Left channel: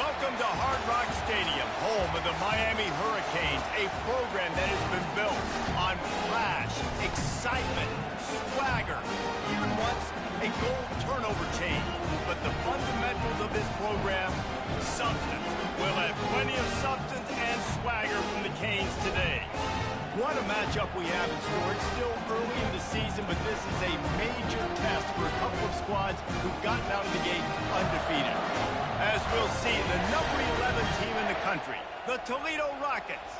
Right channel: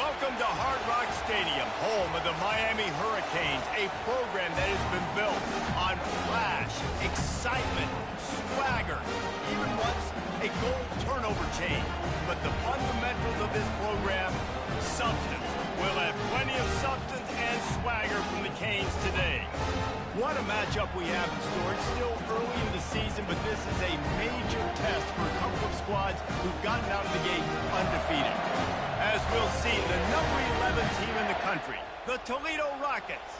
Welcome to Hard Rock Stadium, home of the Miami Hurricanes, a program that has been built on flash, excitement, swagger, even once a goal turnover chain. But the fundamentals of this program, substance. We'll have plenty of substance and swagger from the Canes today. What a matchup we have in store. It's still early in the season, but this is a major test for a couple of squads who've gotten out of the gate undefeated. As we'll see, the number 11 team in the country, the Toledo Rockets,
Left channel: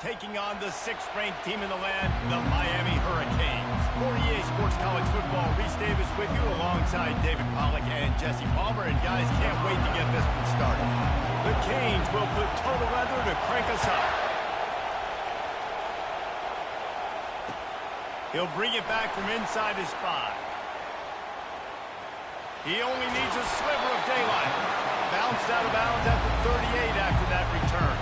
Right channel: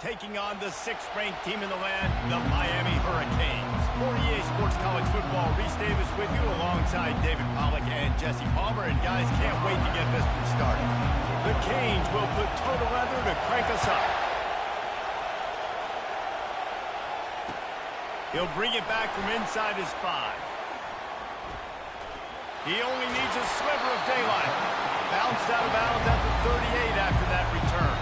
taking on the 6th-ranked team in the land, the Miami Hurricanes. For EA Sports College Football, Reese Davis with you alongside David Pollack and Jesse Palmer. And guys, can't wait to get this one started. The Canes will put total leather to crank us up. He'll bring it back from inside his 5. He only needs a sliver of daylight. Bounced out of bounds at the 38 after that return.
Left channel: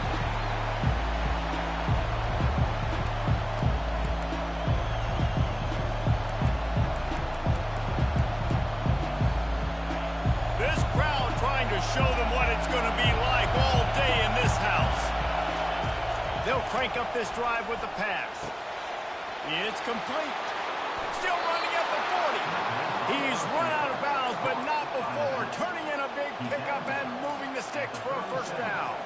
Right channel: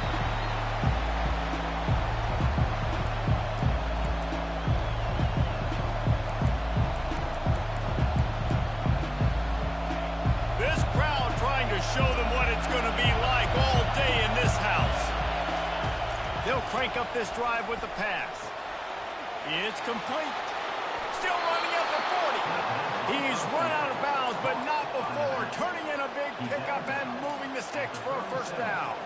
This crowd trying to show them what it's going to be like all day in this house. They'll crank up this drive with the pass. It's complete. Still running at the 40. He's run out of bounds, but not before. Turning in a big pickup and moving the sticks for a first down.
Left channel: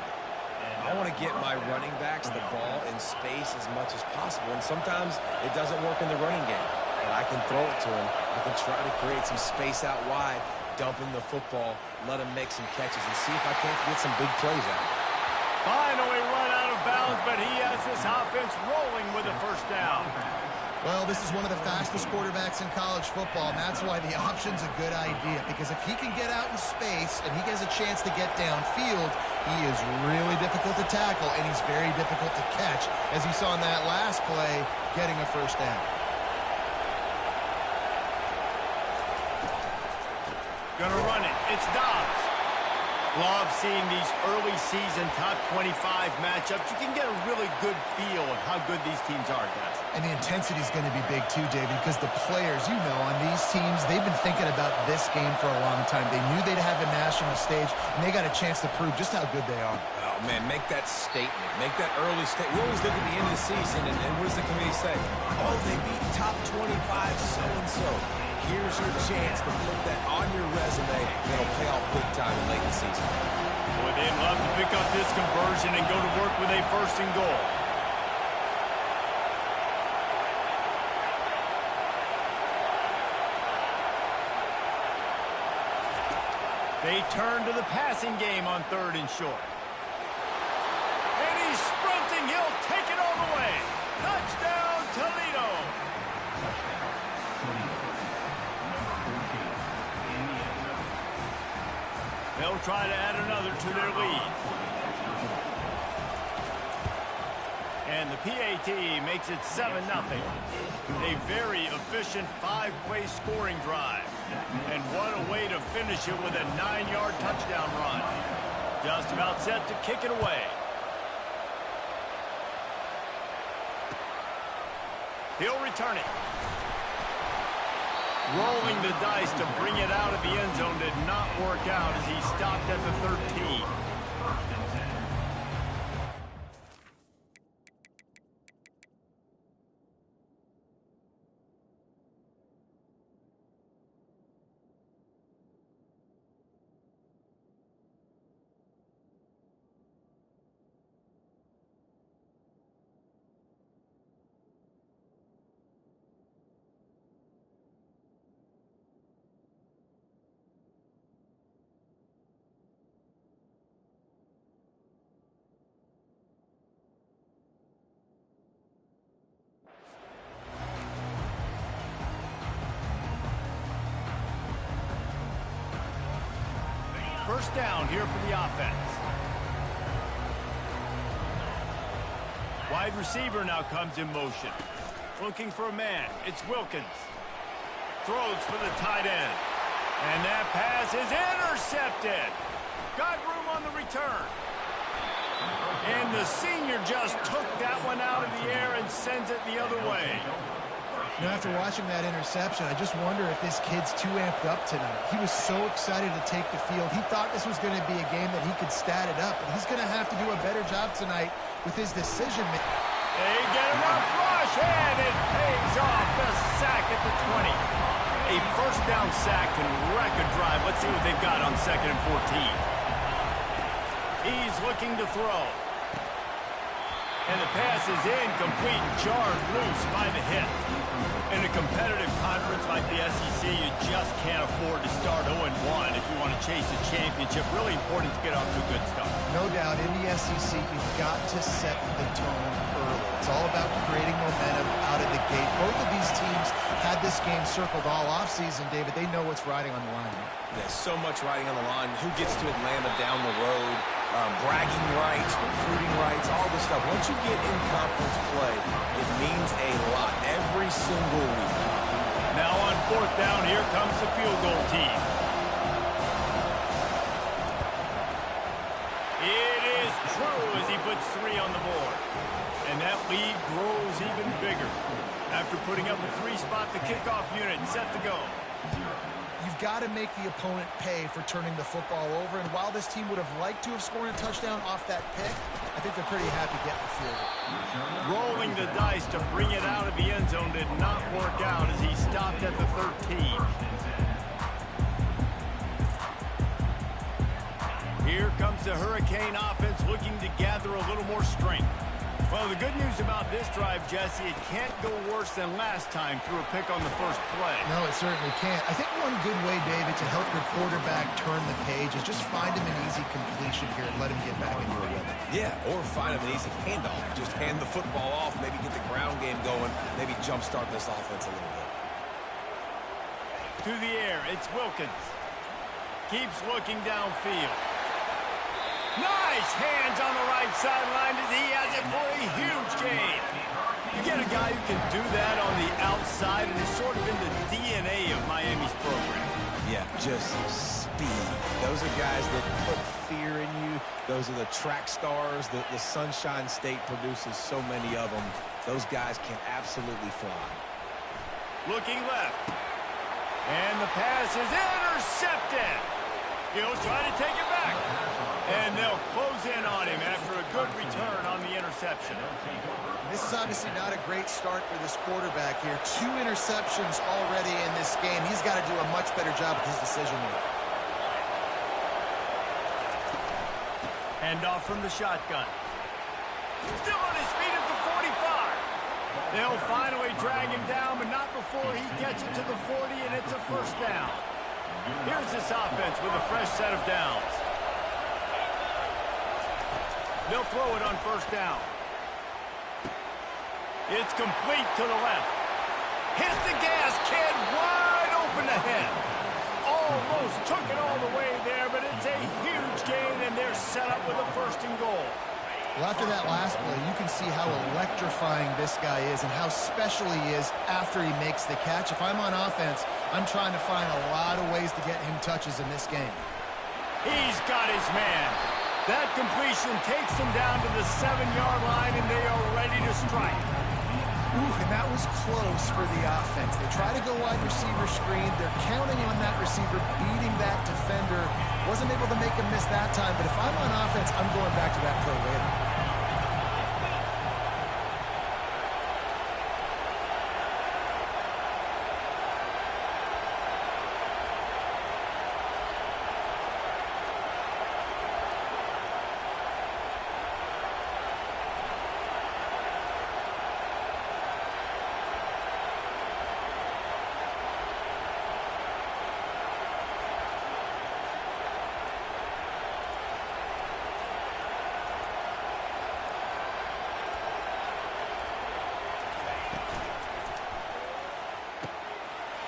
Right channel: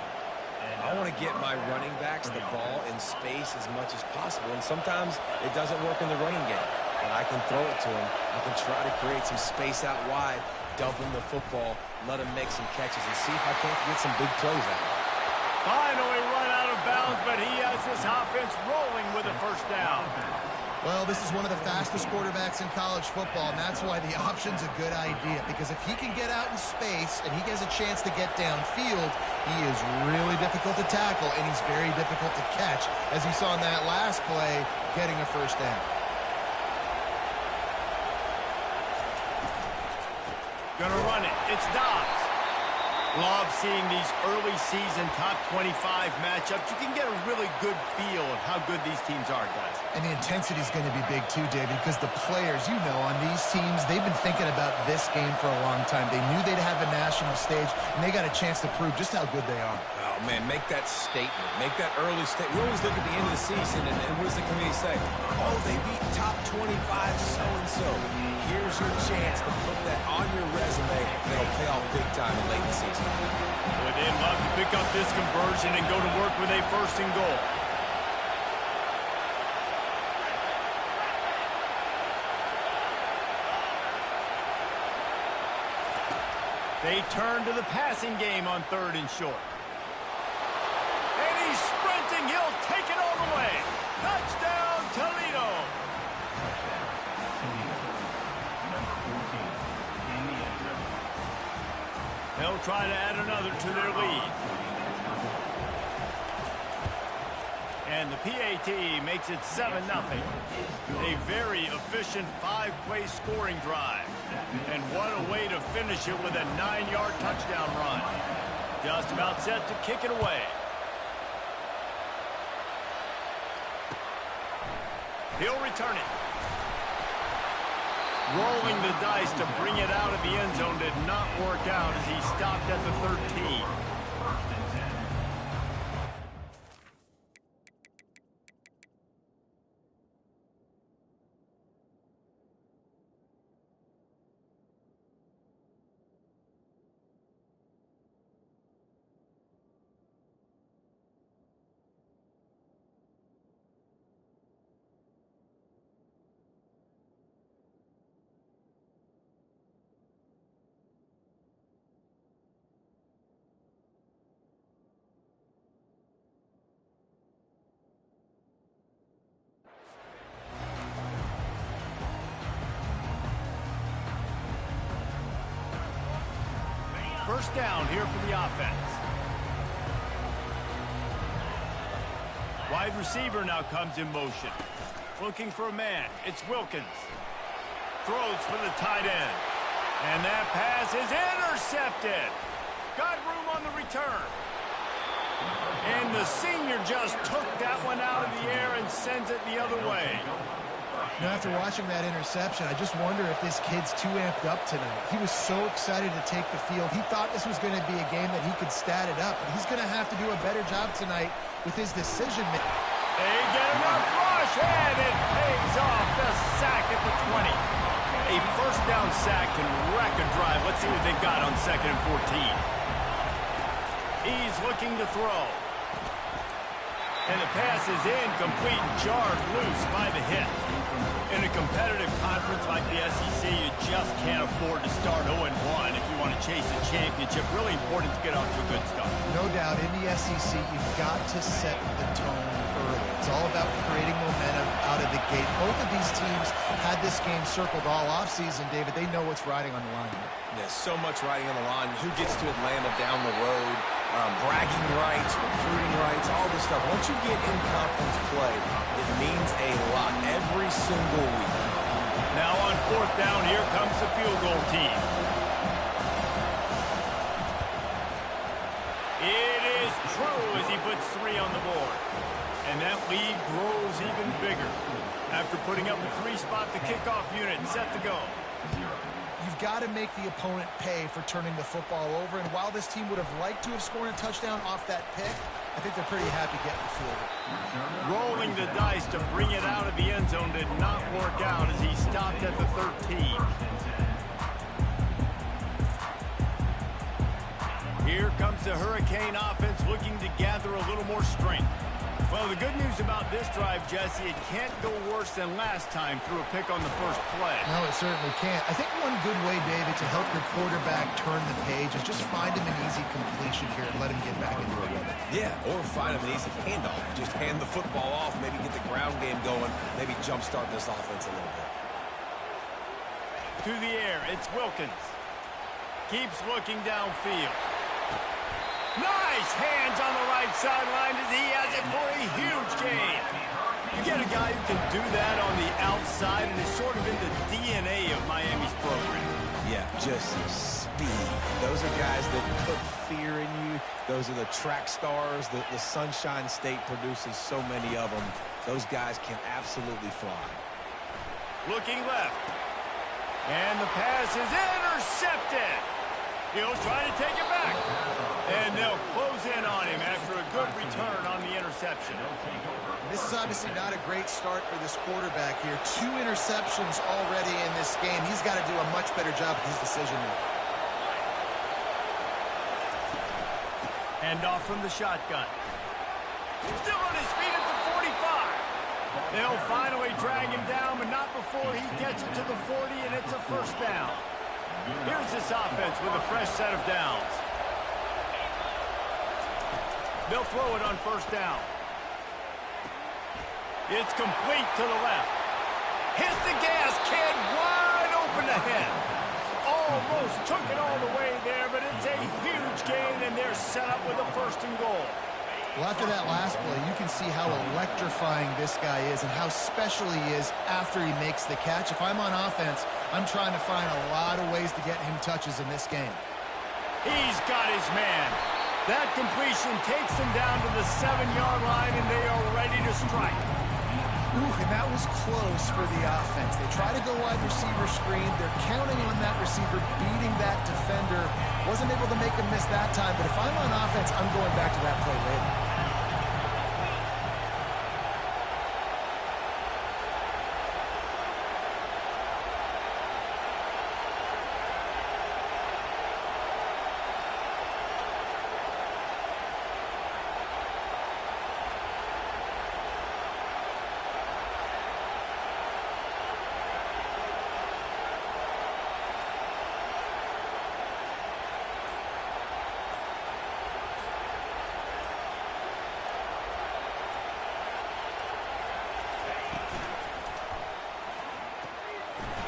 I want to get my running backs the ball in space as much as possible, and sometimes it doesn't work in the running game. But I can throw it to him. I can try to create some space out wide, dump him the football, let him make some catches, and see if I can't get some big plays out of it. Finally run out of bounds, but he has this offense rolling with a first down. Well, this is one of the fastest quarterbacks in college football, and that's why the option's a good idea. Because if he can get out in space and he gets a chance to get downfield, he is really difficult to tackle, and he's very difficult to catch, as you saw in that last play, getting a first down. Gonna run it. It's Dobbs. Love seeing these early season top 25 matchups. You can get a really good feel of how good these teams are, guys. And the intensity is going to be big too, David, because the players, you know, on these teams, they've been thinking about this game for a long time. They knew they'd have a national stage, and they got a chance to prove just how good they are. Oh, man, make that statement. Make that early statement. We always look at the end of the season, and what does the committee say? Oh, they beat top 25 so-and-so. Here's your chance to put that on your resume, and it'll pay off big time in late in the season. Boy, they'd love to pick up this conversion and go to work with a first and goal. They turn to the passing game on 3rd and short. And he's sprinting. He'll take it all the way. Touchdown, Toledo. Touchdown, Toledo. Number 14 in the end zone. They'll try to add another to their lead. And the PAT makes it 7-0. A very efficient 5-play scoring drive. And what a way to finish it with a 9-yard touchdown run. Just about set to kick it away. He'll return it. Rolling the dice to bring it out of the end zone did not work out as he stopped at the 13. First and 10. First down here for the offense. Wide receiver now comes in motion. Looking for a man. It's Wilkins. Throws for the tight end. And that pass is intercepted. Got room on the return. And the senior just took that one out of the air and sends it the other way. You know, after watching that interception, I just wonder if this kid's too amped up tonight. He was so excited to take the field. He thought this was going to be a game that he could stat it up, but he's going to have to do a better job tonight with his decision-making. They get enough rush, and it pays off. The sack at the 20. A first down sack can wreck a drive. Let's see what they've got on 2nd and 14. He's looking to throw. And the pass is incomplete and jarred loose by the hit. In a competitive conference like the SEC, you just can't afford to start 0-1 if you want to chase a championship. Really important to get off to a good start. No doubt, in the SEC, you've got to set the tone early. It's all about creating momentum out of the gate. Both of these teams had this game circled all offseason, David. They know what's riding on the line here. There's so much riding on the line. Who gets to Atlanta down the road? Bragging rights, recruiting rights, all this stuff. Once you get in conference play, it means a lot every single week. Now on 4th down, here comes the field goal team. It is true as he puts 3 on the board. And that lead grows even bigger. After putting up a 3-spot, the kickoff unit set to go. You've got to make the opponent pay for turning the football over. And while this team would have liked to have scored a touchdown off that pick, I think they're pretty happy getting the field goal. Rolling the dice to bring it out of the end zone did not work out as he stopped at the 13. Here comes the Hurricane offense looking to gather a little more strength. Well, the good news about this drive, Jesse, it can't go worse than last time through a pick on the first play. No, it certainly can't. I think one good way, David, to help your quarterback turn the page is just find him an easy completion here and let him get back into a rhythm. Yeah, or find him an easy handoff. Just hand the football off, maybe get the ground game going, maybe jumpstart this offense a little bit. To the air, it's Wilkins. Keeps looking downfield. Nice hands on the right sideline as he has it for a huge gain. You get a guy who can do that on the outside, and it's sort of in the DNA of Miami's program. Yeah, just speed. Those are guys that put fear in you. Those are the track stars. The Sunshine State produces so many of them. Those guys can absolutely fly. Looking left. And the pass is intercepted. He'll try to take it back. And they'll close in on him after a good return on the interception. This is obviously not a great start for this quarterback here. 2 interceptions already in this game. He's got to do a much better job with his decision-making. Hand off from the shotgun. Still on his feet at the 45. They'll finally drag him down, but not before he gets it to the 40, and it's a first down. Here's this offense with a fresh set of downs. They'll throw it on first down. It's complete to the left. Hit the gas, kid, wide open ahead. Almost took it all the way there, but it's a huge gain, and they're set up with a 1st and goal. Well, after that last play, you can see how electrifying this guy is and how special he is after he makes the catch. If I'm on offense, I'm trying to find a lot of ways to get him touches in this game. He's got his man. That completion takes them down to the 7-yard line, and they are ready to strike. Ooh, and that was close for the offense. They try to go wide receiver screen. They're counting on that receiver beating that defender. Wasn't able to make him miss that time, but if I'm on offense, I'm going back to that play later.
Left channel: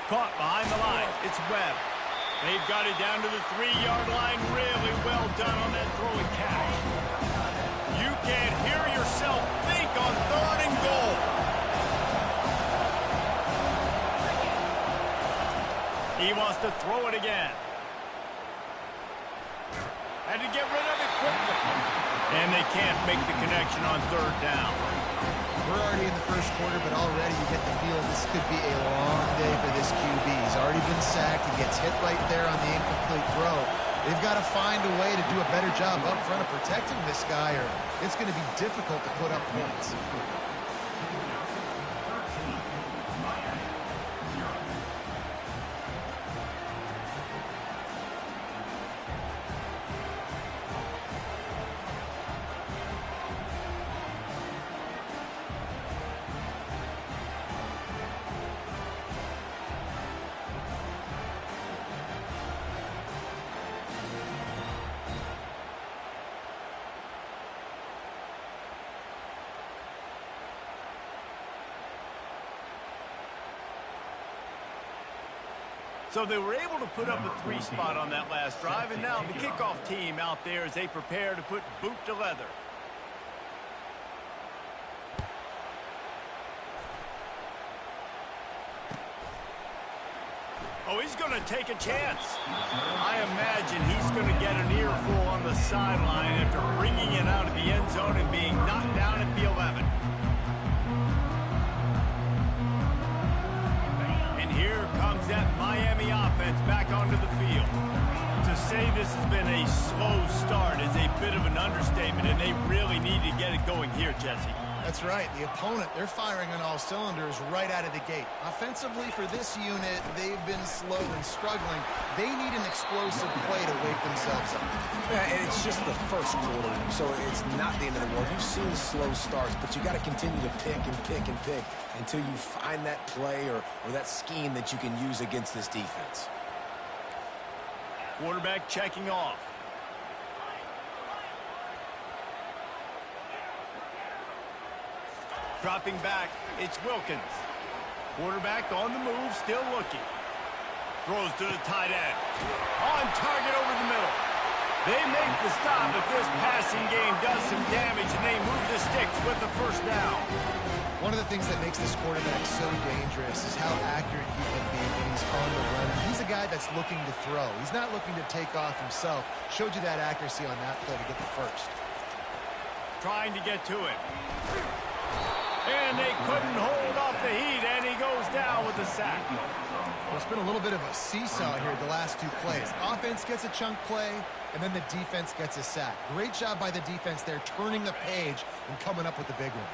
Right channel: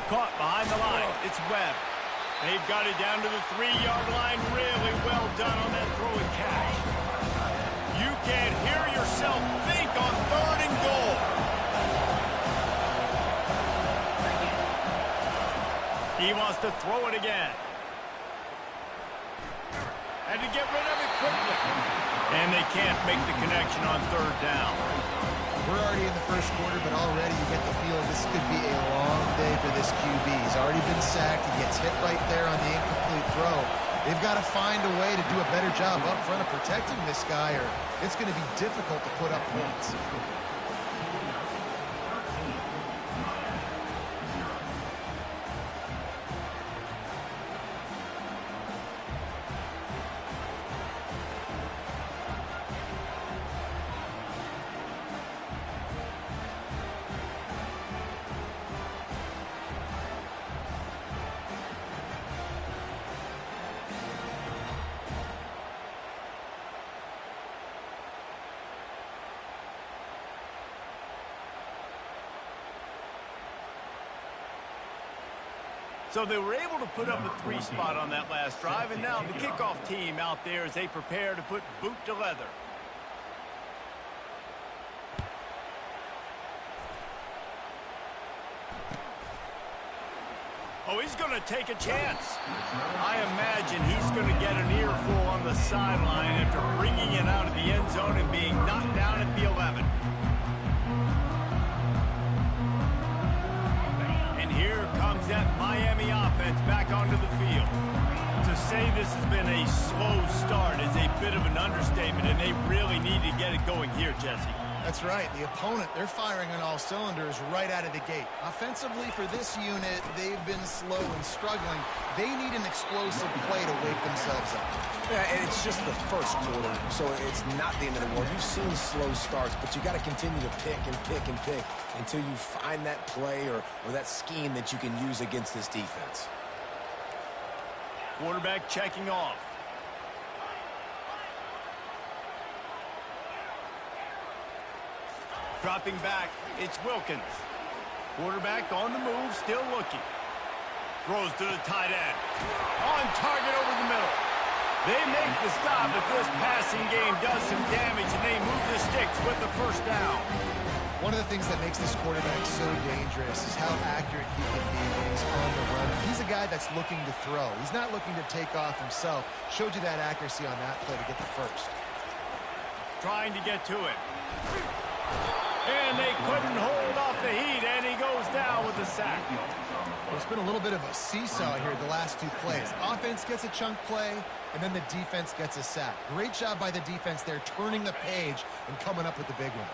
Caught behind the line. It's Webb. They've got it down to the 3-yard line. Really well done on that throw and catch. You can't hear yourself think on 3rd and goal. He wants to throw it again. Had to get rid of it quickly. And they can't make the connection on 3rd down. We're already in the first quarter, but already you get the feeling this could be a long day for this QB. He's already been sacked. He gets hit right there on the incomplete throw. They've got to find a way to do a better job up front of protecting this guy, or it's going to be difficult to put up points. So they were able to put up a 3 spot on that last drive, and now the kickoff team out there as they prepare to put boot to leather. Oh, he's going to take a chance. I imagine he's going to get an earful on the sideline after bringing it out of the end zone and being knocked down at the 11. Here comes that Miami offense back onto the field. To say this has been a slow start is a bit of an understatement, and they really need to get it going here, Jesse. That's right. The opponent, they're firing on all cylinders right out of the gate. Offensively for this unit, they've been slow and struggling. They need an explosive play to wake themselves up. Yeah, and it's just the first quarter, so it's not the end of the world. You've seen slow starts, but you got to continue to pick and pick and pick until you find that play or that scheme that you can use against this defense. Quarterback checking off. Dropping back, it's Wilkins. Quarterback on the move, still looking. Throws to the tight end. On target over the middle. They make the stop, but this passing game does some damage, and they move the sticks with the first down. One of the things that makes this quarterback so dangerous is how accurate he can be when he's on the run. And he's a guy that's looking to throw. He's not looking to take off himself. Showed you that accuracy on that play to get the first. Trying to get to it. And they couldn't hold off the heat, and he goes down with a sack. Well, it's been a little bit of a seesaw here the last 2 plays. Offense gets a chunk play, and then the defense gets a sack. Great job by the defense there, turning the page and coming up with the big one.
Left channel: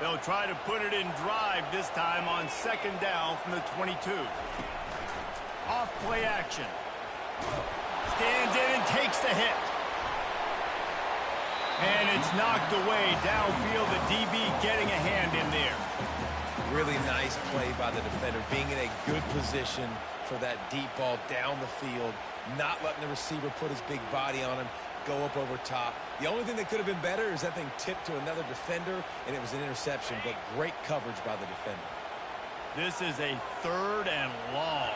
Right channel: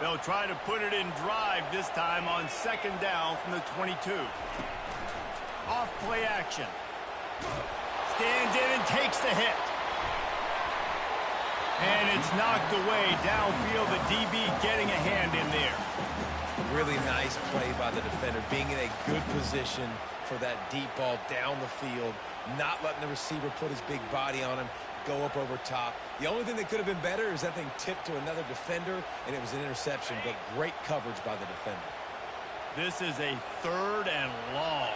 They'll try to put it in drive this time on 2nd down from the 22. Off play action. Stands in and takes the hit. And it's knocked away downfield. The DB getting a hand in there. Really nice play by the defender, being in a good position for that deep ball down the field, not letting the receiver put his big body on him, go up over top. The only thing that could have been better is that thing tipped to another defender, and it was an interception, but great coverage by the defender. This is a 3rd and long.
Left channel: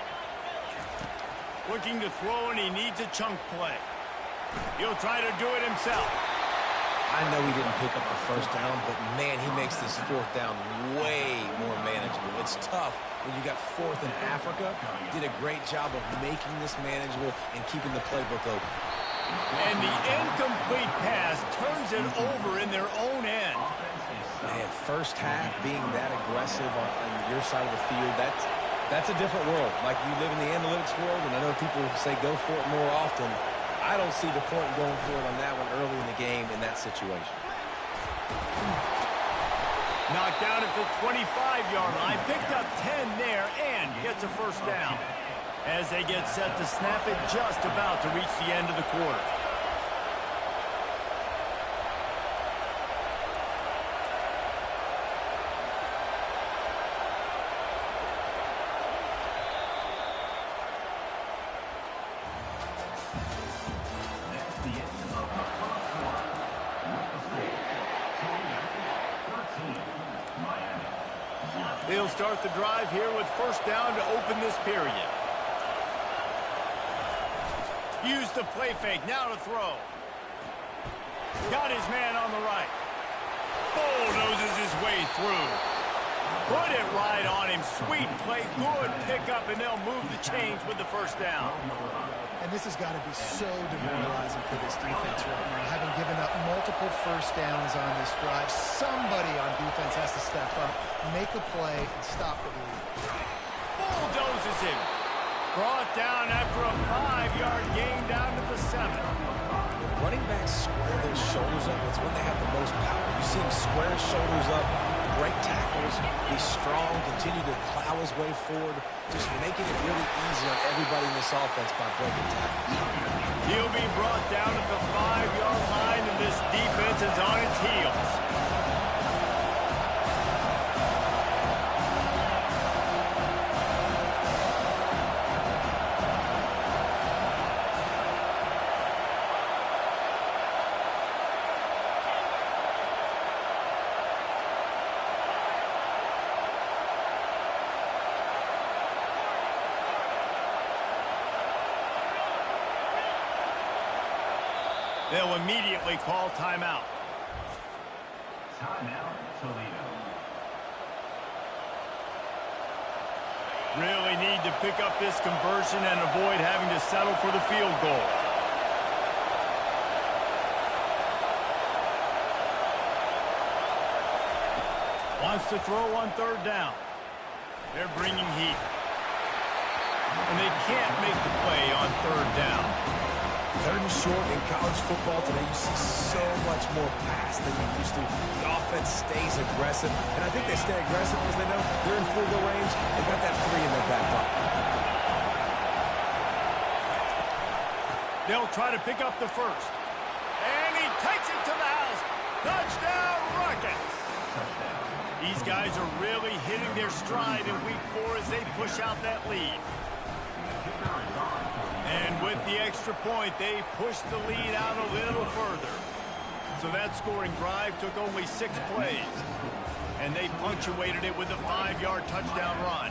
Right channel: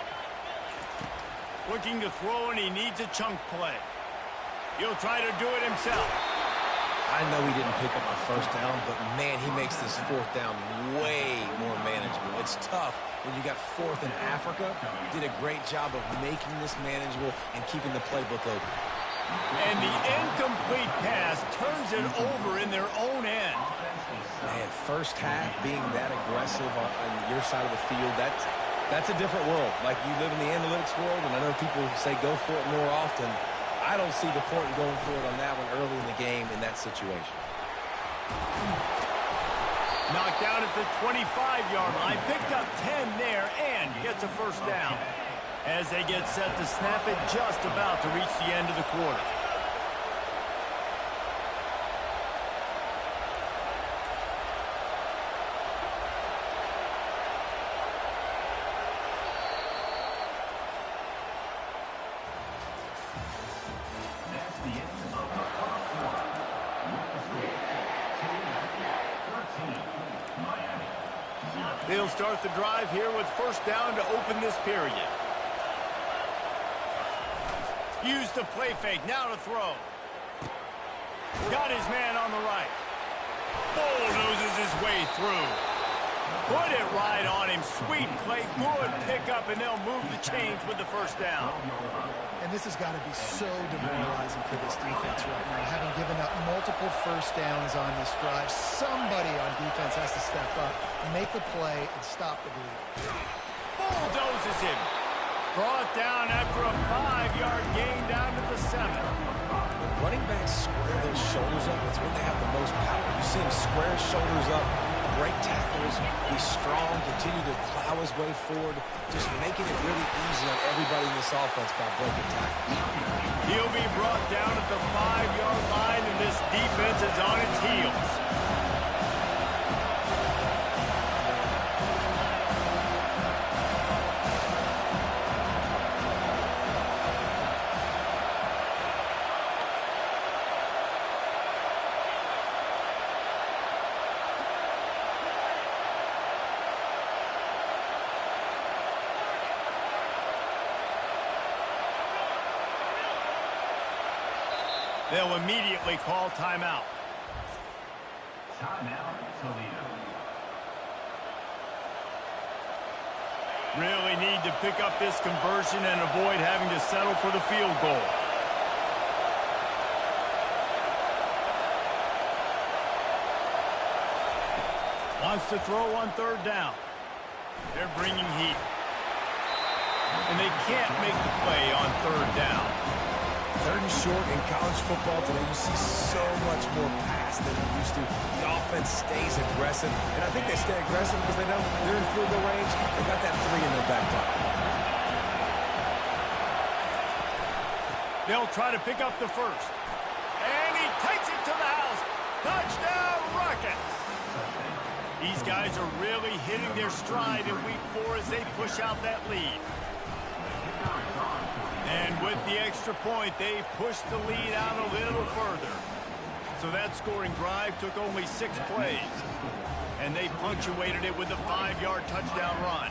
Looking to throw, and he needs a chunk play. He'll try to do it himself. I know he didn't pick up the first down, but, man, he makes this 4th down way more manageable. It's tough when you got 4th in Africa. Did a great job of making this manageable and keeping the playbook open. And the incomplete pass turns it over in their own end. Man, first half being that aggressive on your side of the field, that's a different world. Like, you live in the analytics world, and I know people say go for it more often. I don't see the point in going for it on that one early in the game in that situation. Knocked down at the 25-yard line. Picked up 10 there and gets a first down. As they get set to snap it, just about to reach the end of the quarter. That's the end of the first quarter. With the score, Toledo 13, Miami 0. They'll start the drive here with first down to open this period. Use the play fake, now to throw. Got his man on the right. Bulldozes his way through. Put it right on him. Sweet play, good pickup, and they'll move the chains with the first down. And this has got to be so demoralizing for this defense right now. Having given up multiple first downs on this drive, somebody on defense has to step up, make a play, and stop the bleed. Bulldozes him. Brought down after a 5-yard gain down to the 7. Running backs square their shoulders up. It's when they have the most power. You see him square his shoulders up, break tackles, be strong, continue to plow his way forward, just making it really easy on everybody in this offense by breaking tackles. He'll be brought down at the 5-yard line, and this defense is on its heels. They'll immediately call timeout. Timeout, Toledo. Really need to pick up this conversion and avoid having to settle for the field goal. Wants to throw on 3rd down. They're bringing heat. And they can't make the play on 3rd down. 3rd and short in college football today, you see so much more pass than you used to. The offense stays aggressive, and I think they stay aggressive because they know they're in field goal range. They've got that 3 in their back pocket. They'll try to pick up the 1st. And he takes it to the house. Touchdown, Rockets! These guys are really hitting their stride in week 4 as they push out that lead. And with the extra point, they pushed the lead out a little further. So that scoring drive took only 6 plays. And they punctuated it with a 5-yard touchdown run.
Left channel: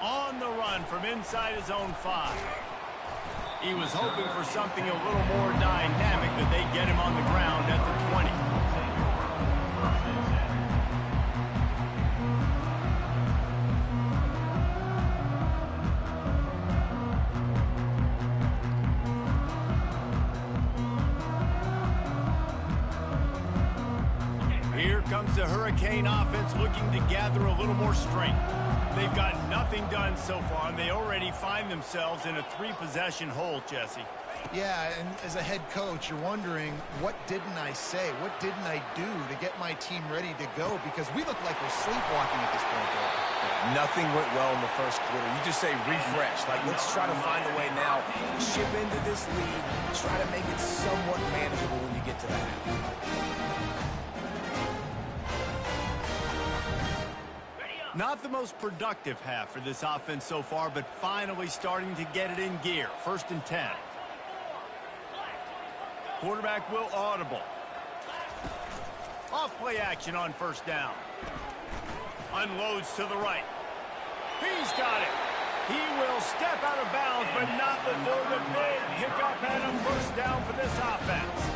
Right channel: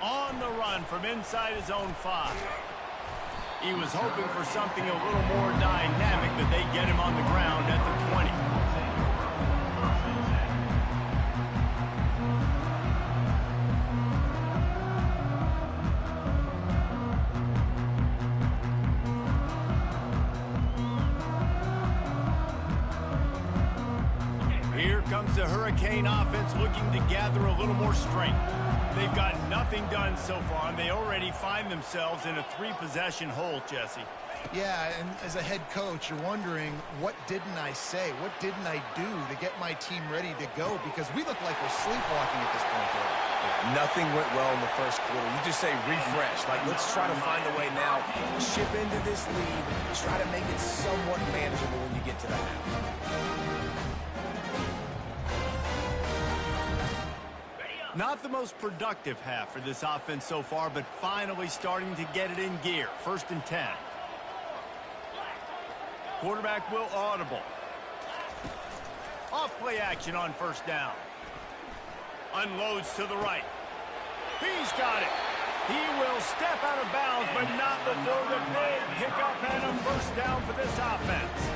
On the run from inside his own 5. He was hoping for something a little more dynamic, but they get him on the ground at the 20. Here comes the Hurricane offense looking to gather a little more strength. They've got nothing done so far, and they already find themselves in a 3-possession hole, Jesse. Yeah, and as a head coach, you're wondering, what didn't I say? What didn't I do to get my team ready to go? Because we look like we're sleepwalking at this point, though. Yeah, nothing went well in the first quarter. You just say refresh. Like, let's try to find a way now. Chip into this lead. Try to make it somewhat manageable when you get to the half. Not the most productive half for this offense so far, but finally starting to get it in gear. 1st and 10. Quarterback will audible. Off play action on 1st down. Unloads to the right. He's got it. He will step out of bounds, but not before the big pickup and a 1st down for this offense.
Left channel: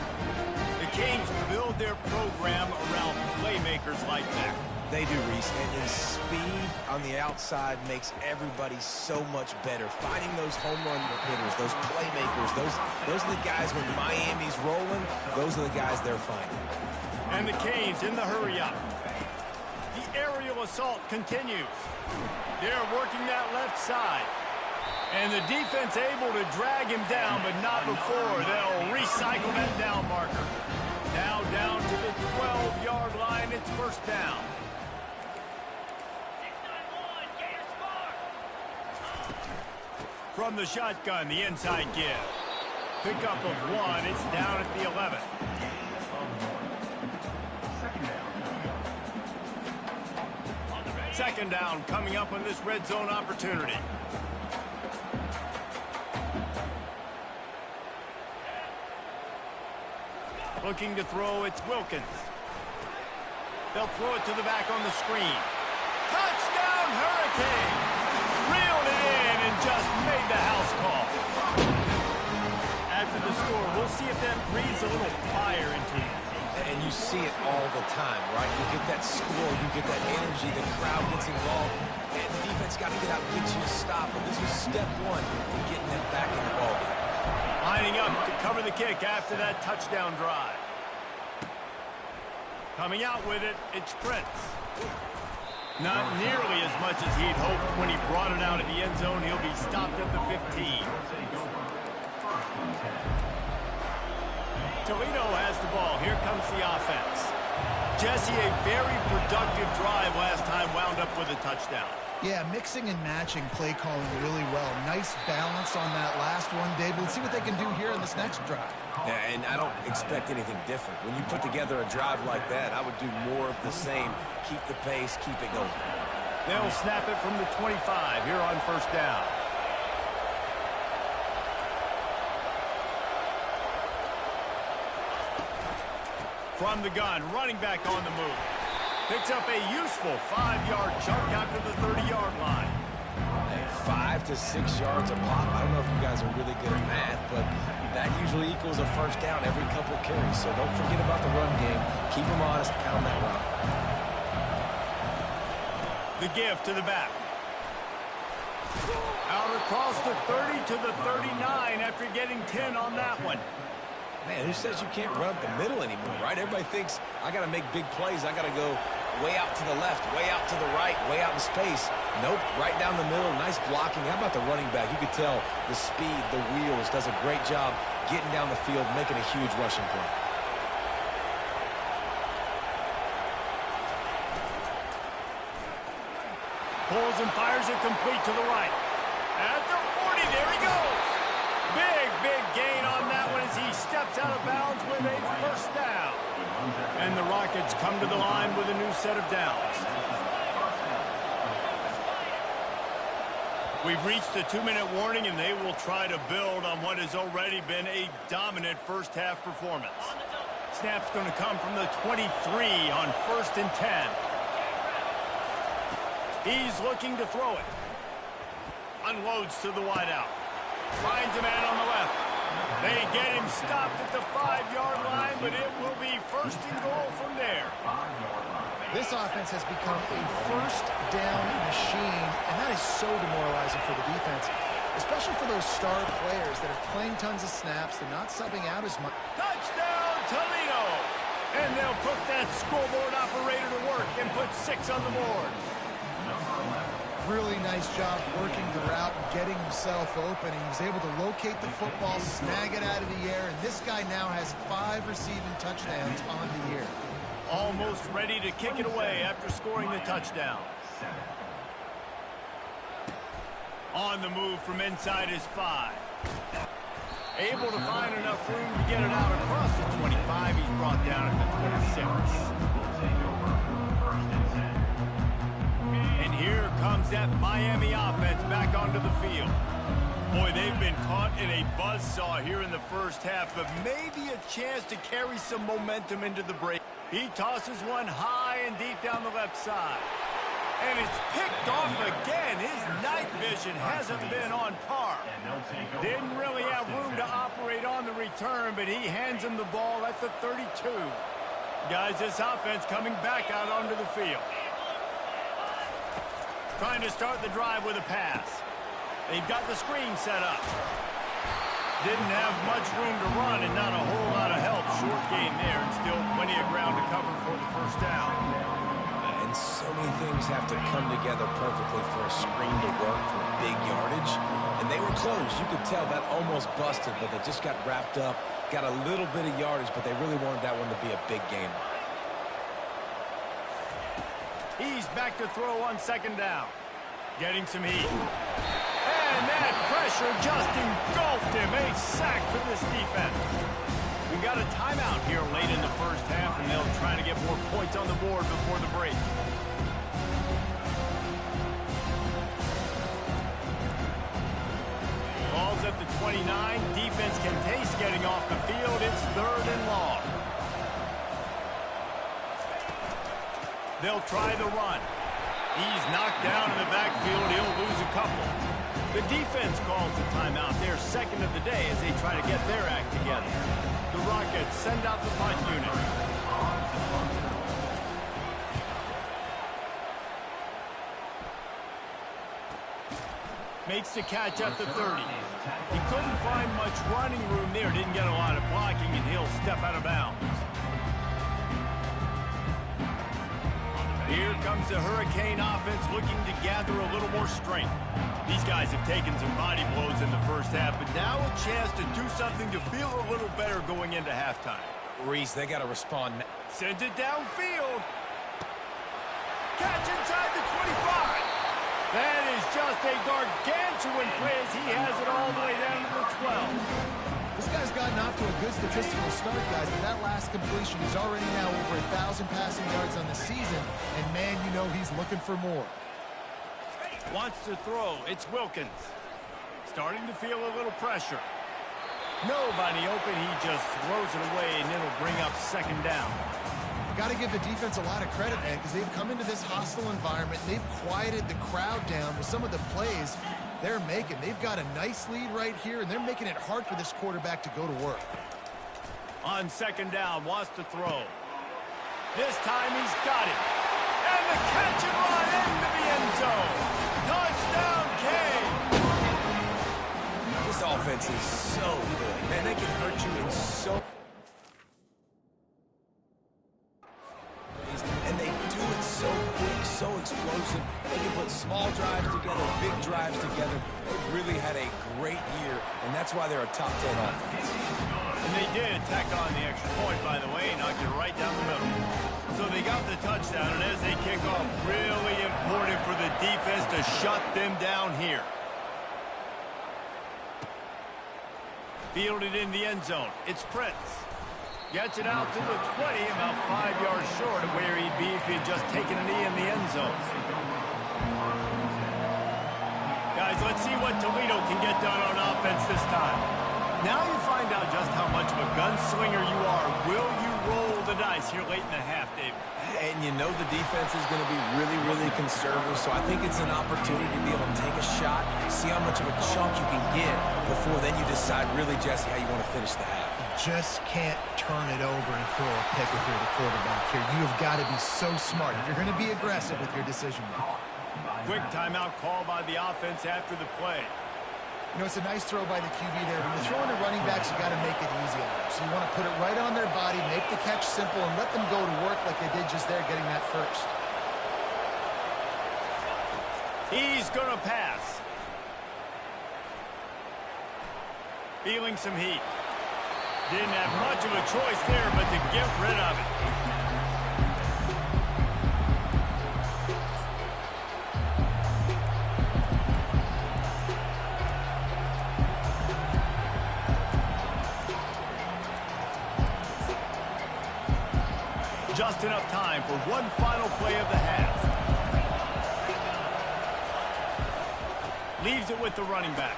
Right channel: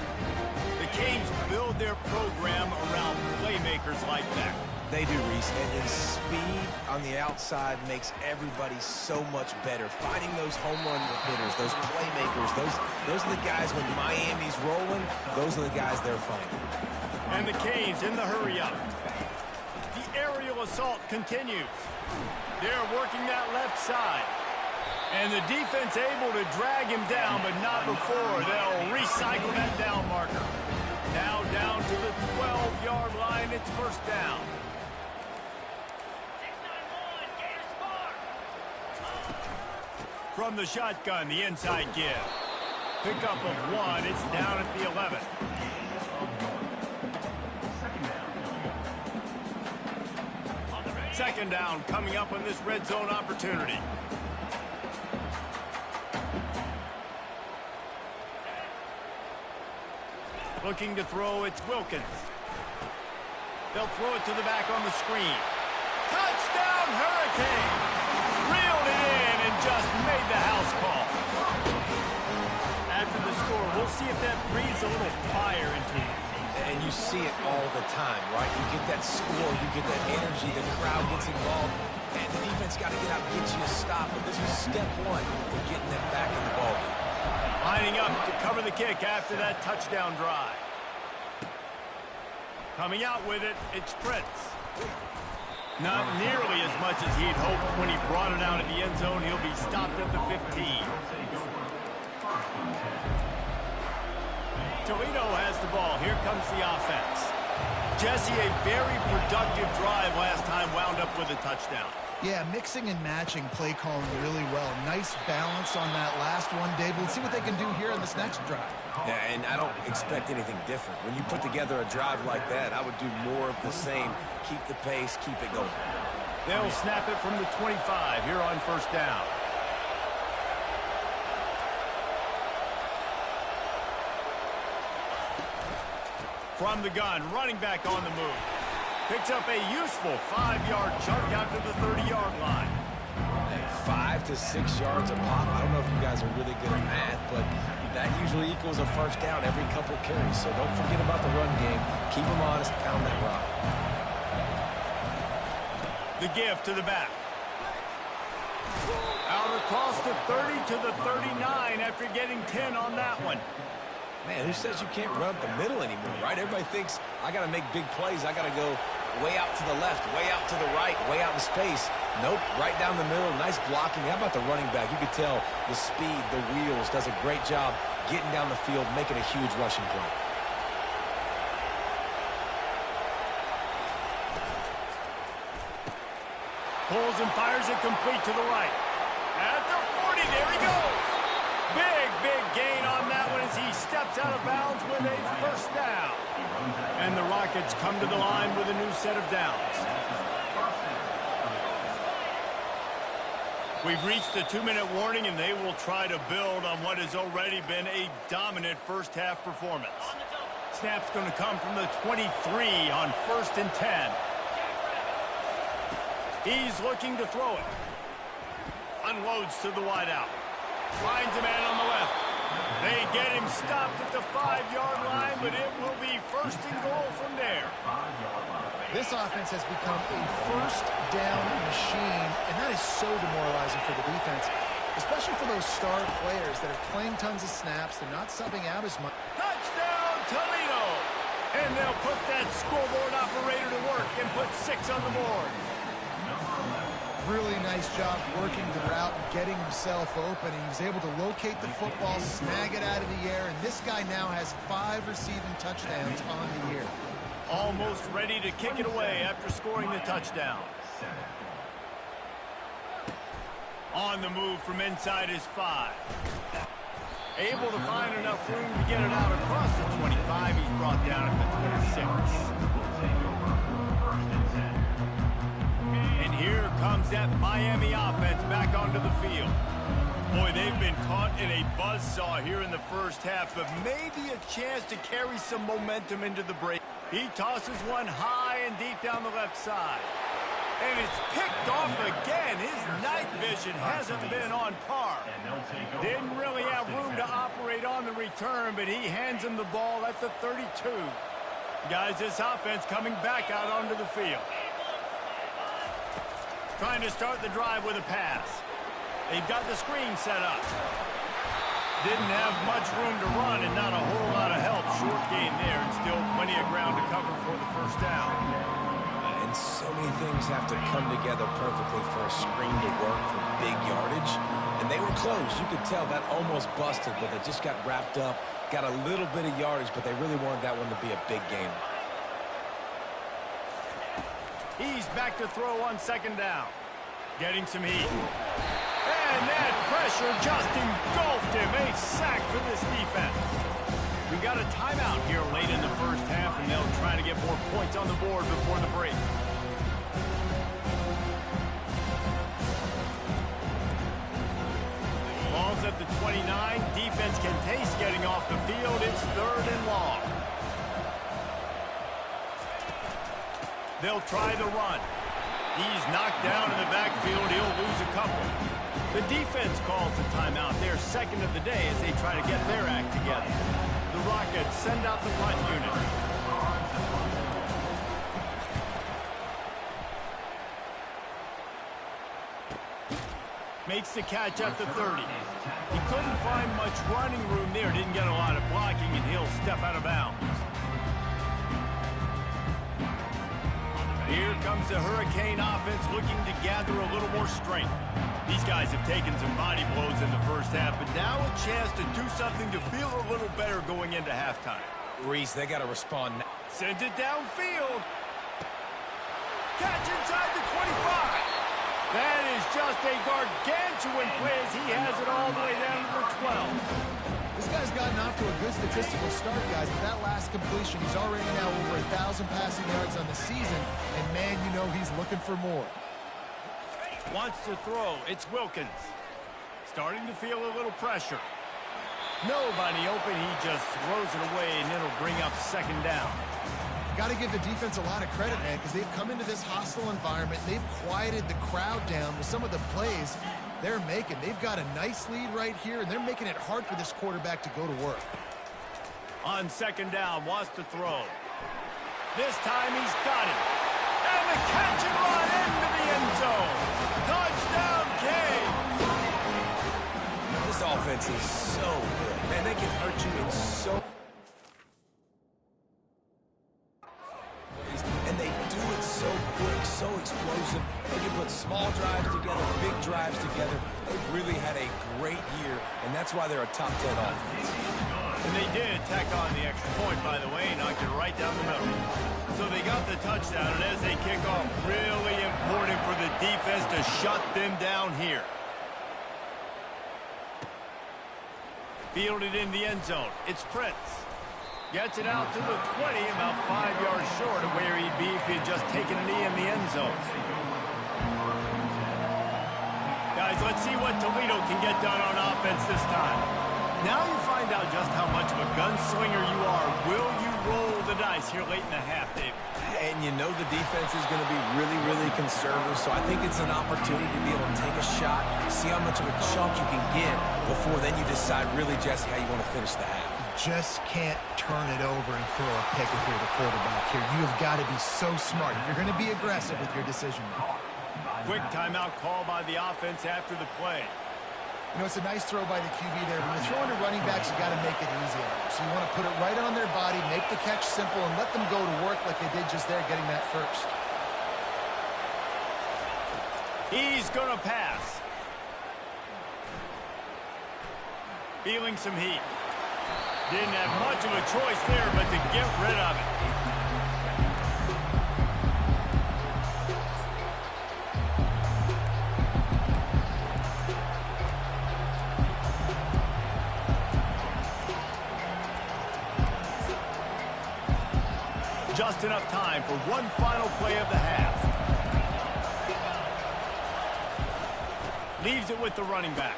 The Canes build their program around playmakers like that. They do, Reese, and speed on the outside makes everybody so much better. Finding those home run hitters, those playmakers, those are the guys when Miami's rolling, those are the guys they're finding. And the Canes in the hurry-up. The aerial assault continues. They're working that left side. And the defense able to drag him down, but not before they'll recycle that down marker. Now down to the 12-yard line, it's 1st down. From the shotgun, the inside give. Pickup of 1, it's down at the 11. Second down coming up on this red zone opportunity. Looking to throw, it's Wilkins. They'll throw it to the back on the screen. Touchdown, Hurricane! Reeled it in and just made the house call. After the score. We'll see if that breathes a little fire into you. And you see it all the time, right? You get that score, you get that energy, the crowd gets involved, and the defense got to get out and get you a stop. But this was step one in getting them back in the ballgame. Lining up to cover the kick after that touchdown drive. Coming out with it, it's Prince. Not nearly as much as he'd hoped when he brought it out of the end zone. He'll be stopped at the 15. Toledo has the ball. Here comes the offense. Jesse, a very productive drive last time, wound up with a touchdown. Yeah, mixing and matching play calling really well. Nice balance on that last one, Dave. We'll see what they can do here in this next drive. Yeah, and I don't expect anything different. When you put together a drive like that, I would do more of the same. Keep the pace, keep it going. They'll snap it from the 25 here on first down. From the gun, running back on the move. Picks up a useful 5-yard chunk out to the 30-yard line. Hey, 5 to 6 yards a pop. I don't know if you guys are really good at math, but that usually equals a first down every couple carries. So don't forget about the run game. Keep them honest, pound that rock. The give to the back. Out across the 30 to the 39 after getting 10 on that one. Man, who says you can't run up the middle anymore, right? Everybody thinks I got to make big plays. I got to go way out to the left, way out to the right, way out in space. Nope, right down the middle. Nice blocking. How about the running back? You could tell the speed, the wheels, does a great job getting down the field, making a huge rushing play. Pulls and fires it complete to the right. At the 40, there he goes. Big gain on that one as he steps out of bounds with a first down. And the Rockets come to the line with a new set of downs. We've reached the 2-minute warning, and they will try to build on what has already been a dominant first-half performance. Snap's going to come from the 23 on 1st and 10. He's looking to throw it. Unloads to the wideout. Finds a man on the left. They get him stopped at the 5-yard line, but it will be 1st and goal from there. This offense has become a first down machine, and that is so demoralizing for the defense, especially for those star players that are playing tons of snaps. They're not subbing out as much. Touchdown, Toledo! And they'll put that scoreboard operator to work and put 6 on the board. Really nice job working the route and getting himself open. He was able to locate the football, snag it out of the air, and this guy now has 5 receiving touchdowns on the year. Almost ready to kick it away after scoring the touchdown. On the move from inside his 5. Able to find enough room to get it out across the 25. He's brought down at the 26. And here comes that Miami offense back onto the field. Boy, they've been caught in a buzzsaw here in the first half, but maybe a chance to carry some momentum into the break. He tosses one high and deep down the left side. And it's picked off again. His night vision hasn't been on par. Didn't really have room to operate on the return, but he hands him the ball at the 32. Guys, this offense coming back out onto the field. Trying to start the drive with a pass. They've got the screen set up. Didn't have much room to run and not a whole lot of help. Short gain there and still plenty of ground to cover for the first down. And so many things have to come together perfectly for a screen to work for big yardage. And they were close. You could tell that almost busted, but they just got wrapped up. Got a little bit of yardage, but they really wanted that one to be a big gainer. He's back to throw on 2nd down. Getting some heat. And that pressure just engulfed him. A sack for this defense. We got a timeout here late in the first half, and they'll try to get more points on the board before the break. Ball's at the 29. Defense can taste getting off the field. It's 3rd and long. They'll try the run. He's knocked down in the backfield. He'll lose a couple. The defense calls the timeout. They're second of the day as they try to get their act together. The Rockets send out the punt unit. Makes the catch at the 30. He couldn't find much running room there. Didn't get a lot of blocking, and he'll step out of bounds. Here comes the Hurricane offense looking to gather a little more strength. These guys have taken some body blows in the first half, but now a chance to do something to feel a little better going into halftime. Reese, they got to respond now. Sends it downfield. Catch inside the 25. That is just a gargantuan play as he has it all the way down to the 12. This guy's gotten off to a good statistical start, guys, but that last completion, he's already now over 1,000 passing yards on the season, and man, you know he's looking for more. Wants to throw. It's Wilkins. Starting to feel a little pressure. Nobody open. He just throws it away, and it'll bring up second down. Got to give the defense a lot of credit, man, because they've come into this hostile environment, and they've quieted the crowd down with some of the plays they're making. They've got a nice lead right here, and they're making it hard for this quarterback to go to work. On second down, wants to throw. This time he's got it. And the catch and run into the end zone. Touchdown, Kane. This offense is so good. Man, they can hurt you in so... And they do it so quick, so explosive. They can put small drives together, big drives together. They've really had a great year, and that's why they're a top 10 offense. And they did tack on the extra point, by the way, knocked it right down the middle. So they got the touchdown, and as they kick off, really important for the defense to shut them down here. Fielded in the end zone. It's Prince. Gets it out to the 20, about 5 yards short of where he'd be if he had just taken a knee in the end zone. Guys, let's see what Toledo can get done on offense this time. Now you find out just how much of a gunslinger you are. Will you roll the dice here late in the half, Dave? And you know the defense is going to be really, really conservative, so I think it's an opportunity to be able to take a shot, see how much of a chunk you can get before then you decide really, Jesse, how you want to finish the half. Just can't turn it over and throw a pick if you're the quarterback here. You have got to be so smart. You're going to be aggressive with your decision-making. Quick timeout call by the offense after the play. You know, it's a nice throw by the QB there. When you're throwing to running backs, you got to make it easy on them. So you want to put it right on their body, make the catch simple, and let them go to work like they did just there, getting that first. He's going to pass. Feeling some heat. Didn't have much of a choice there, but to get rid of it. Just enough time for one final play of the half. Leaves it with the running back.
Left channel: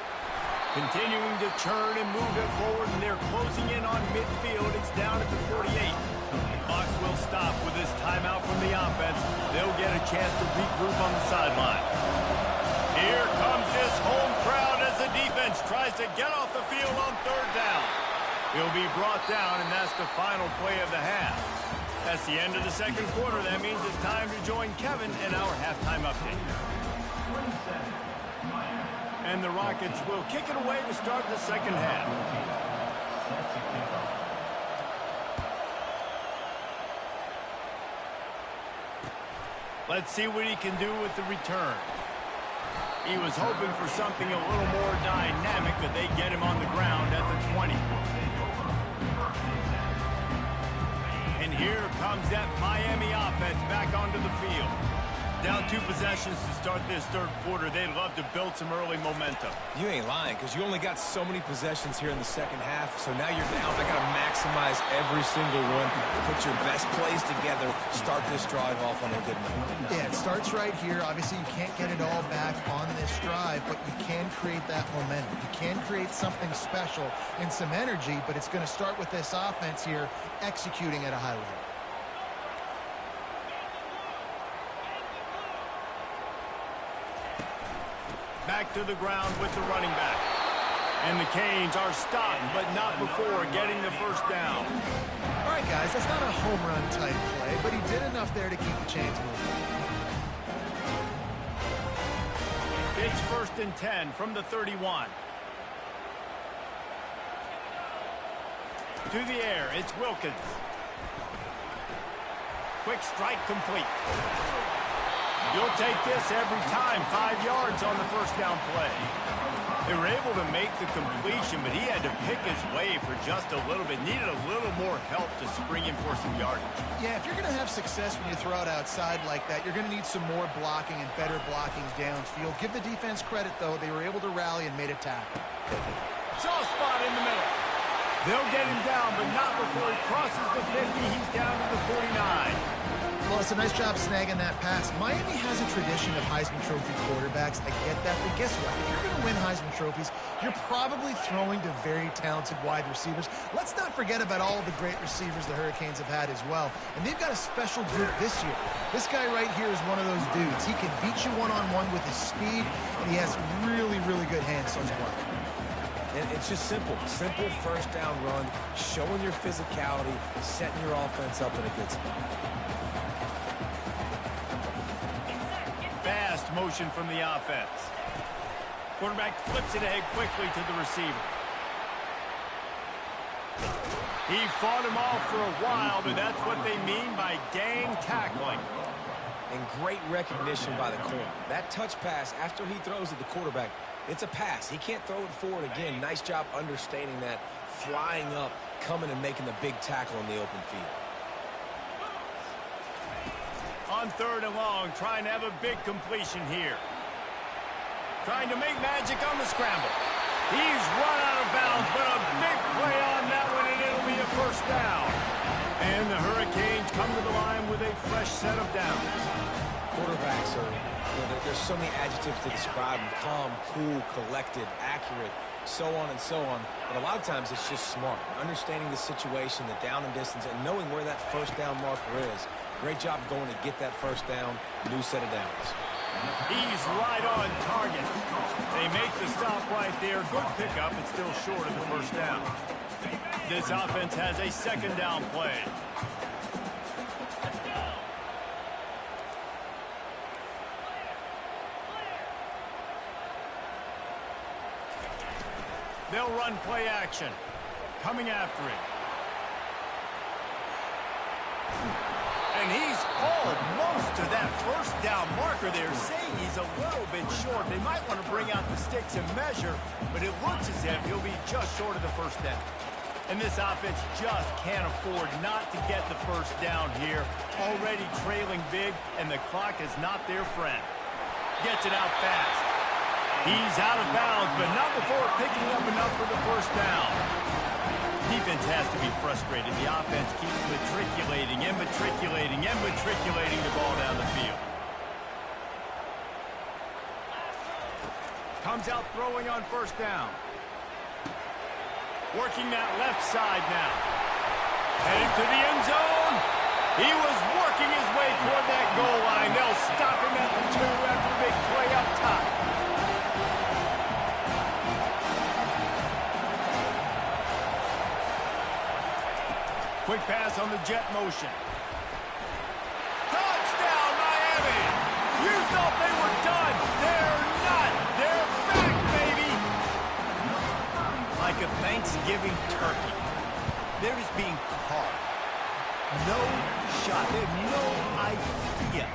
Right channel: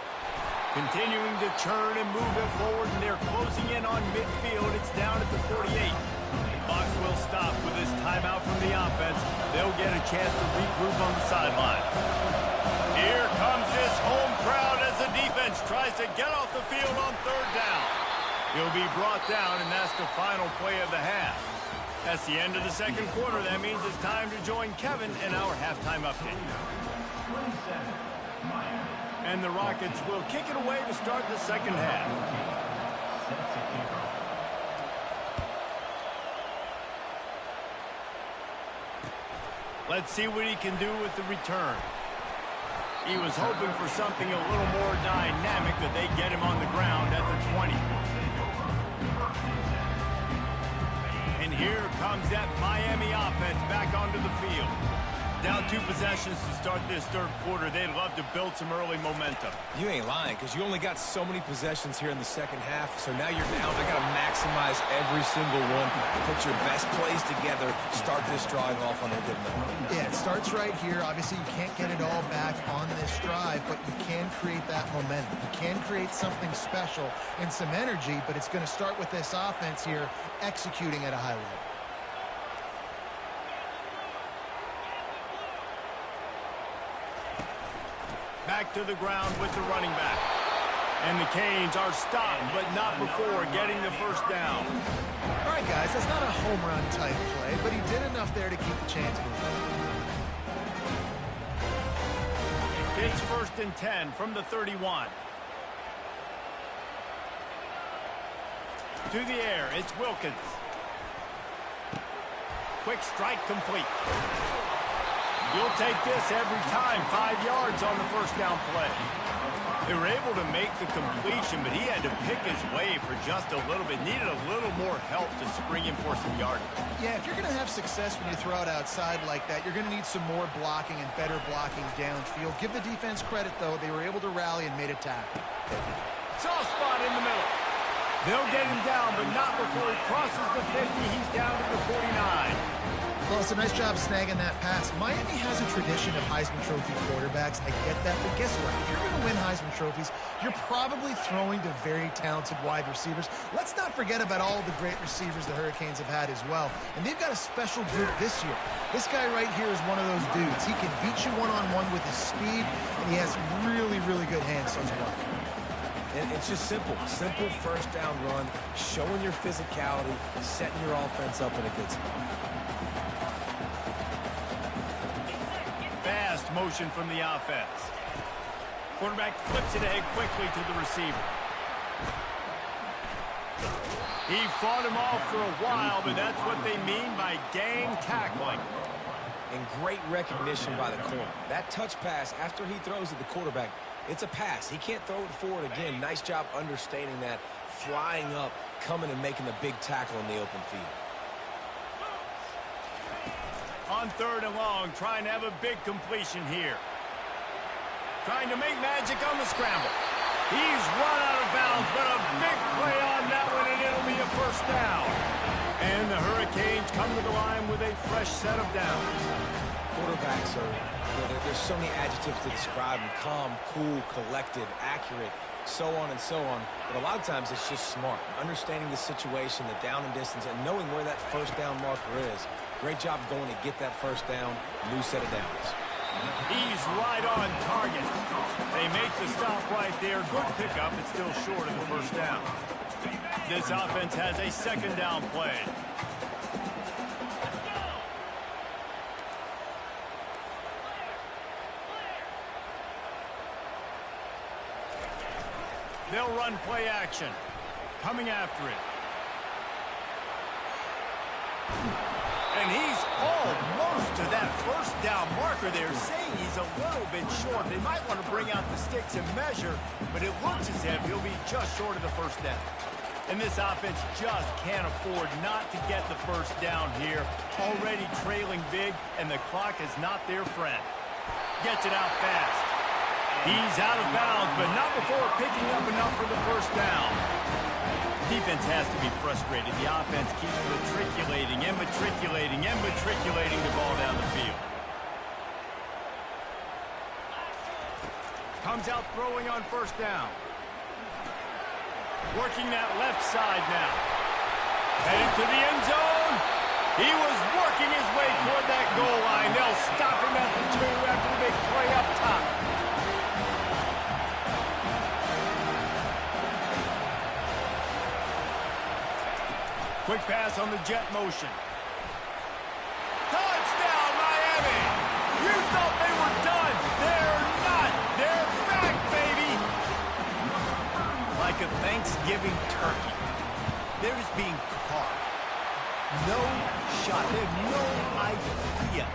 Continuing to churn and move it forward, and they're closing in on midfield. It's down at the 48. The clock will stop with this timeout from the offense. They'll get a chance to regroup on the sideline. Here comes this home crowd as the defense tries to get off the field on third down. He'll be brought down, and that's the final play of the half. That's the end of the second quarter. That means it's time to join Kevin in our halftime update. And the Rockets will kick it away to start the second half. Let's see what he can do with the return. He was hoping for something a little more dynamic, but they get him on the ground at the 20. And here comes that Miami offense back onto the field. Down 2 possessions to start this third quarter. They'd love to build some early momentum. You ain't lying, because you only got so many possessions here in the second half, so now you're down. I got to maximize every single one. Put your best plays together. Start this drive off on a good note. Yeah, it starts right here. Obviously, you can't get it all back on this drive, but you can create that momentum. You can create something special and some energy, but it's going to start with this offense here executing at a high level. Back to the ground with the running back. And the Canes are stopped, but not before getting the first down. All right, guys, that's not a home run type play, but he did enough there to keep the chains moving. It's 1st and 10 from the 31. To the air, it's Wilkins. Quick strike complete. You'll take this every time. 5 yards on the first down play. They were able to make the completion, but he had to pick his way for just a little bit. Needed a little more help to spring in for some yardage. Yeah, if you're going to have success when you throw it outside like that, you're going to need some more blocking and better blocking downfield. Give the defense credit, though. They were able to rally and made a tackle. Soft spot in the middle. They'll get him down, but not before he crosses the 50. He's down to the 49. Well, it's a nice job snagging that pass. Miami has a tradition of Heisman Trophy quarterbacks. I get that, but guess what? If you're going to win Heisman Trophies, you're probably throwing to very talented wide receivers. Let's not forget about all the great receivers the Hurricanes have had as well. And they've got a special group this year. This guy right here is one of those dudes. He can beat you one-on-one with his speed, and he has really, really good hands on his work. And it's just simple. Simple first down run, showing your physicality, setting your offense up in a good spot. Fast motion from the offense. Quarterback flips it ahead quickly to the receiver. He fought him off for a while, but that's what they mean by gang tackling. And great recognition by the corner. That touch pass after he throws at the quarterback, it's a pass. He can't throw it forward again. Nice job understanding that, flying up, coming and making the big tackle in the open field. On 3rd and long, trying to have a big completion here. Trying to make magic on the scramble. He's run out of bounds, but a big play on that one, and it'll be a first down. And the Hurricanes come to the line with a fresh set of downs. Quarterbacks are, there's so many adjectives to describe them. Calm, cool, collected, accurate, so on and so on. But a lot of times it's just smart. Understanding the situation, the down and distance, and knowing where that first down marker is. Great job going to get that first down. New set of downs. He's right on target. They make the stop right there. Good pickup. It's still short of the first down. This offense has a 2nd down play. They'll run play action. Coming after it. And he's almost to that first down marker. They're saying he's a little bit short. They might want to bring out the sticks and measure, but it looks as if he'll be just short of the first down. And this offense just can't afford not to get the first down here. Already trailing big, and the clock is not their friend. Gets it out fast. He's out of bounds, but not before picking up enough for the first down. Defense has to be frustrated. The offense keeps matriculating and matriculating and matriculating the ball down the field. Comes out throwing on first down. Working that left side now. Headed to the end zone. He was working his way toward that goal line. They'll stop him at the 2 after the big play up top. Quick pass on the jet motion. Touchdown, Miami! You thought they were done. They're not. They're back, baby! Like a Thanksgiving turkey. They're just being carved. No shot. They have no idea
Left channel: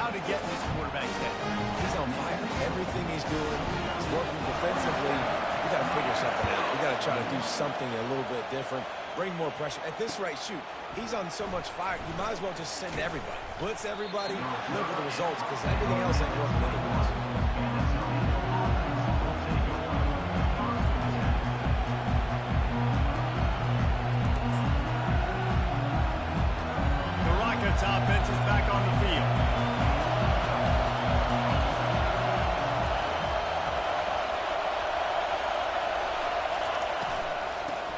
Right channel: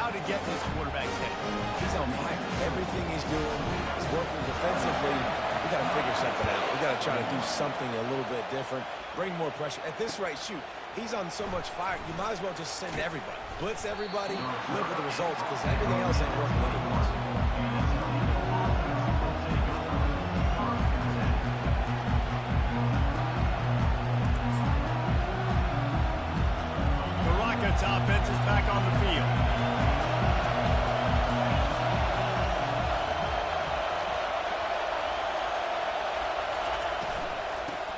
how to get in this quarterback's head. He's on fire. Everything he's doing is working defensively. We got to figure something out. We got to try to do something a little bit different. Bring more pressure. At this rate, shoot, he's on so much fire, you might as well just send everybody. Blitz everybody, live with the results, because everything else ain't working anyways. The Rockets offense is back on the field.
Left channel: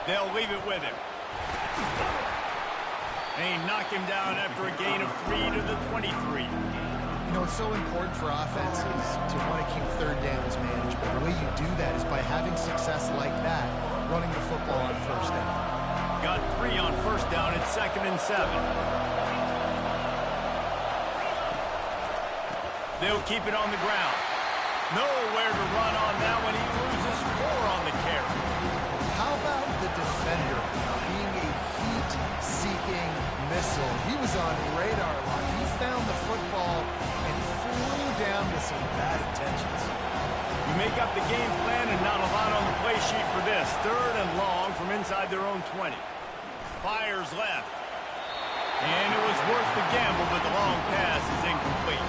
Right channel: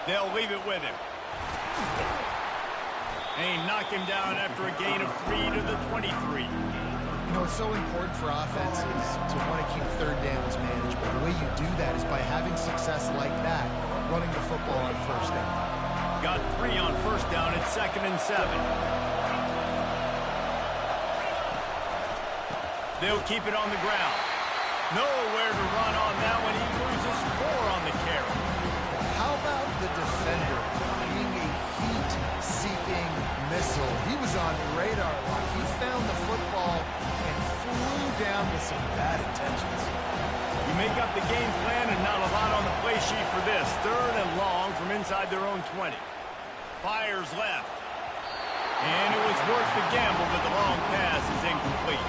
They'll leave it with him. And he knocked him down after a gain of 3 to the 23. You know, it's so important for offenses to want to keep third downs manageable. The way you do that is by having success like that, running the football on first down. Got 3 on first down at 2nd and 7. They'll keep it on the ground. Nowhere to run on that one. He loses 4 on the carry. How about the defender being a heat-seeking missile? He was on radar lock. He found the football and flew down with some bad intentions. You make up the game plan and not a lot on the play sheet for this. 3rd and long from inside their own 20. Fires left. And it was worth the gamble, but the long pass is incomplete.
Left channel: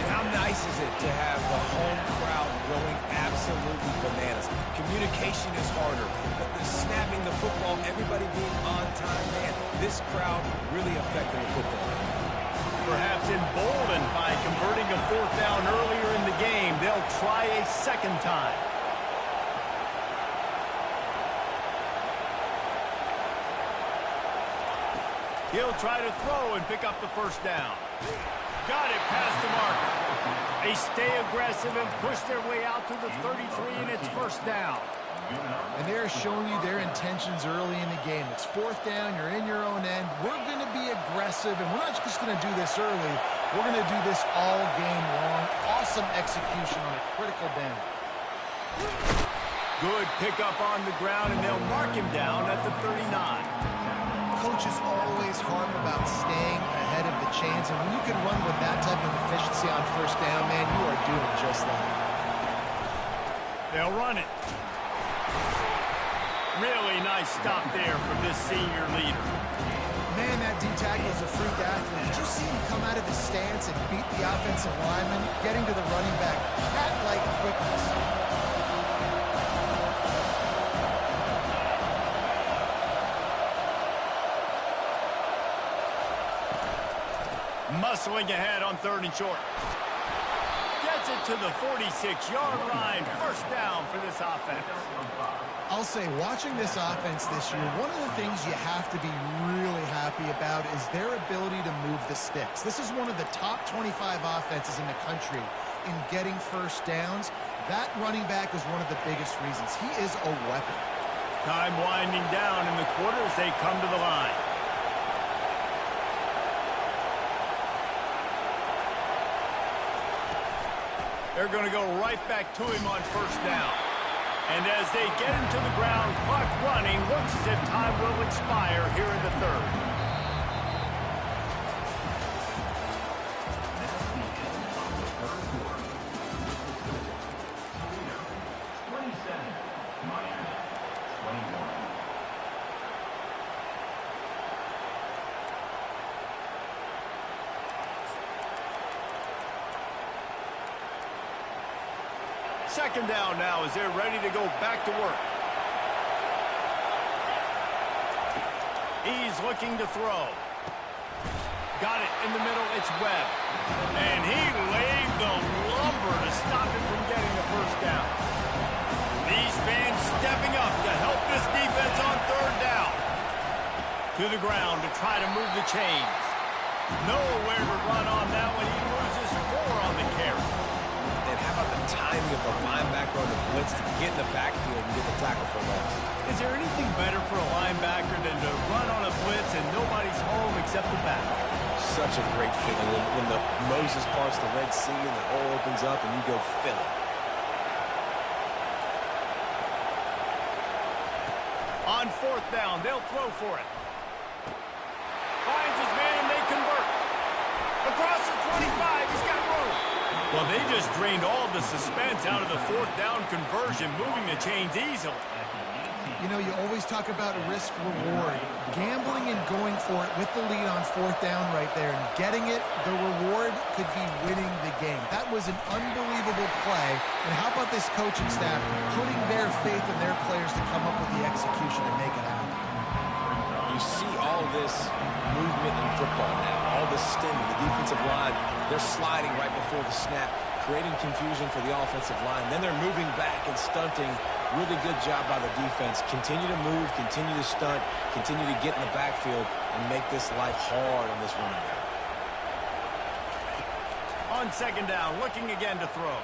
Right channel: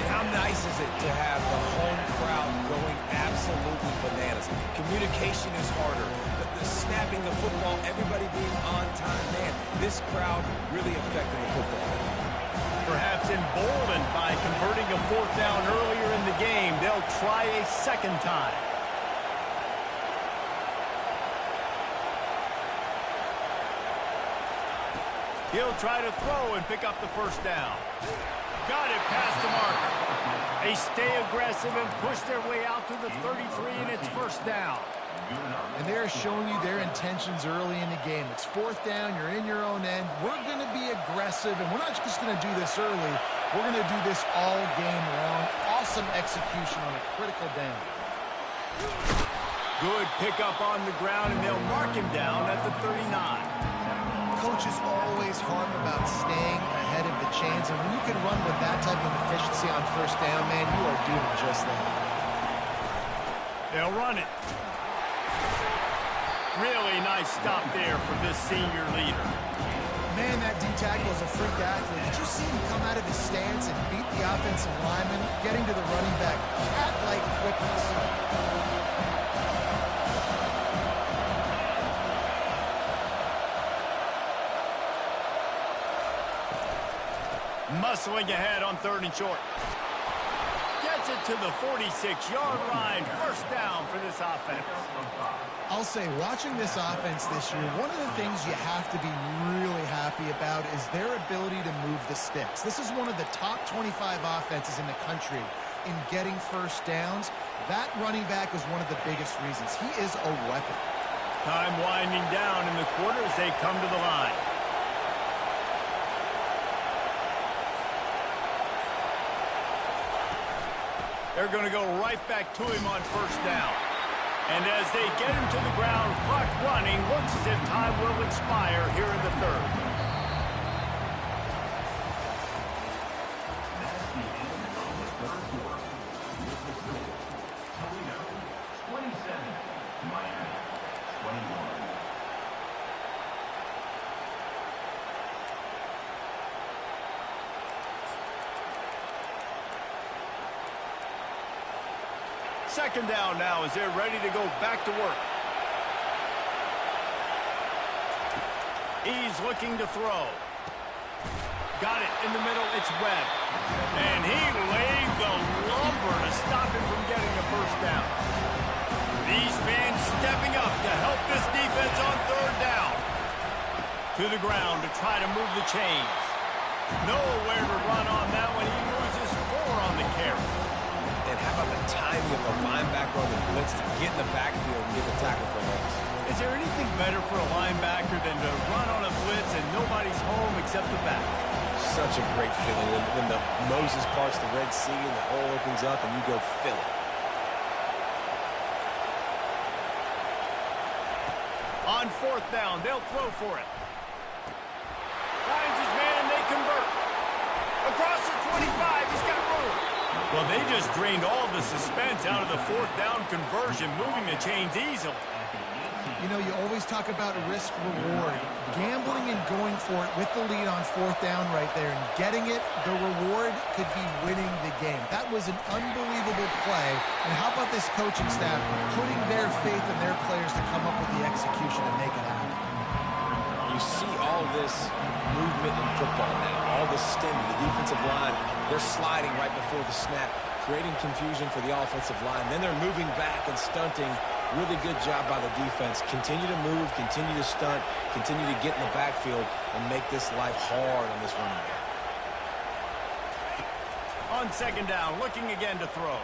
And how nice is it to have the home crowd going absolutely bananas? Communication is harder. The snapping the football, everybody being on time. Man, this crowd really affecting the football. Perhaps emboldened by converting a 4th down earlier in the game, they'll try a 2nd time. He'll try to throw and pick up the 1st down. Got it past the marker. They stay aggressive and push their way out to the 33, and it's 1st down. And they're showing you their intentions early in the game. It's 4th down. You're in your own end. We're going to be aggressive, and we're not just going to do this early. We're going to do this all game long. Awesome execution on a critical down. Good pickup on the ground, and they'll mark him down at the 39. Coaches always harp about staying ahead of the chains, and when you can run with that type of efficiency on 1st down, man, you are doing just that. They'll run it. Really nice stop there from this senior leader. Man, that D-tackle is a freak athlete. Did you see him come out of his stance and beat the offensive lineman, getting to the running back? Cat-like quickness. Muscling ahead on 3rd and short. Gets it to the 46-yard line. 1st down for this offense. I'll say, watching this offense this year, one of the things you have to be really happy about is their ability to move the sticks. This is one of the top 25 offenses in the country in getting 1st downs. That running back is one of the biggest reasons. He is a weapon. Time winding down in the quarter as they come to the line. They're going to go right back to him on 1st down. And as they get him to the ground, clock running, looks as if time will expire here in the 3rd. That's the end of the 3rd quarter. Toledo, 27. Miami, 21. Second down now as they're ready to go back to work. He's looking to throw. Got it in the middle. It's Webb. And he laid the lumber to stop him from getting the 1st down. These fans stepping up to help this defense on 3rd down. To the ground to try to move the chains. Nowhere to run on that one. He loses 4 on the carry. And how about the timing of the linebacker on the blitz to get in the backfield and get the tackle for loss? Is there anything better for a linebacker than to run on a blitz and nobody's home except the back? Such a great feeling when the Moses parts the Red Sea and the hole opens up and you go fill it. On 4th down, they'll throw for it. Finds his man and they convert. Across the 25, he's got room. Well, they just drained all the suspense out of the 4th down conversion, moving the chains easily. You know, you always talk about risk-reward. Gambling and going for it with the lead on 4th down right there and getting it, the reward could be winning the game. That was an unbelievable play. And how about this coaching staff putting their faith in their players to come up with the execution and make it happen? You see all this movement in football now, all the stemming, the defensive line, they're sliding right before the snap, creating confusion for the offensive line. Then they're moving back and stunting. Really good job by the defense. Continue to move, continue to stunt, continue to get in the backfield and make this life hard on this running back. On second down, looking again to throw.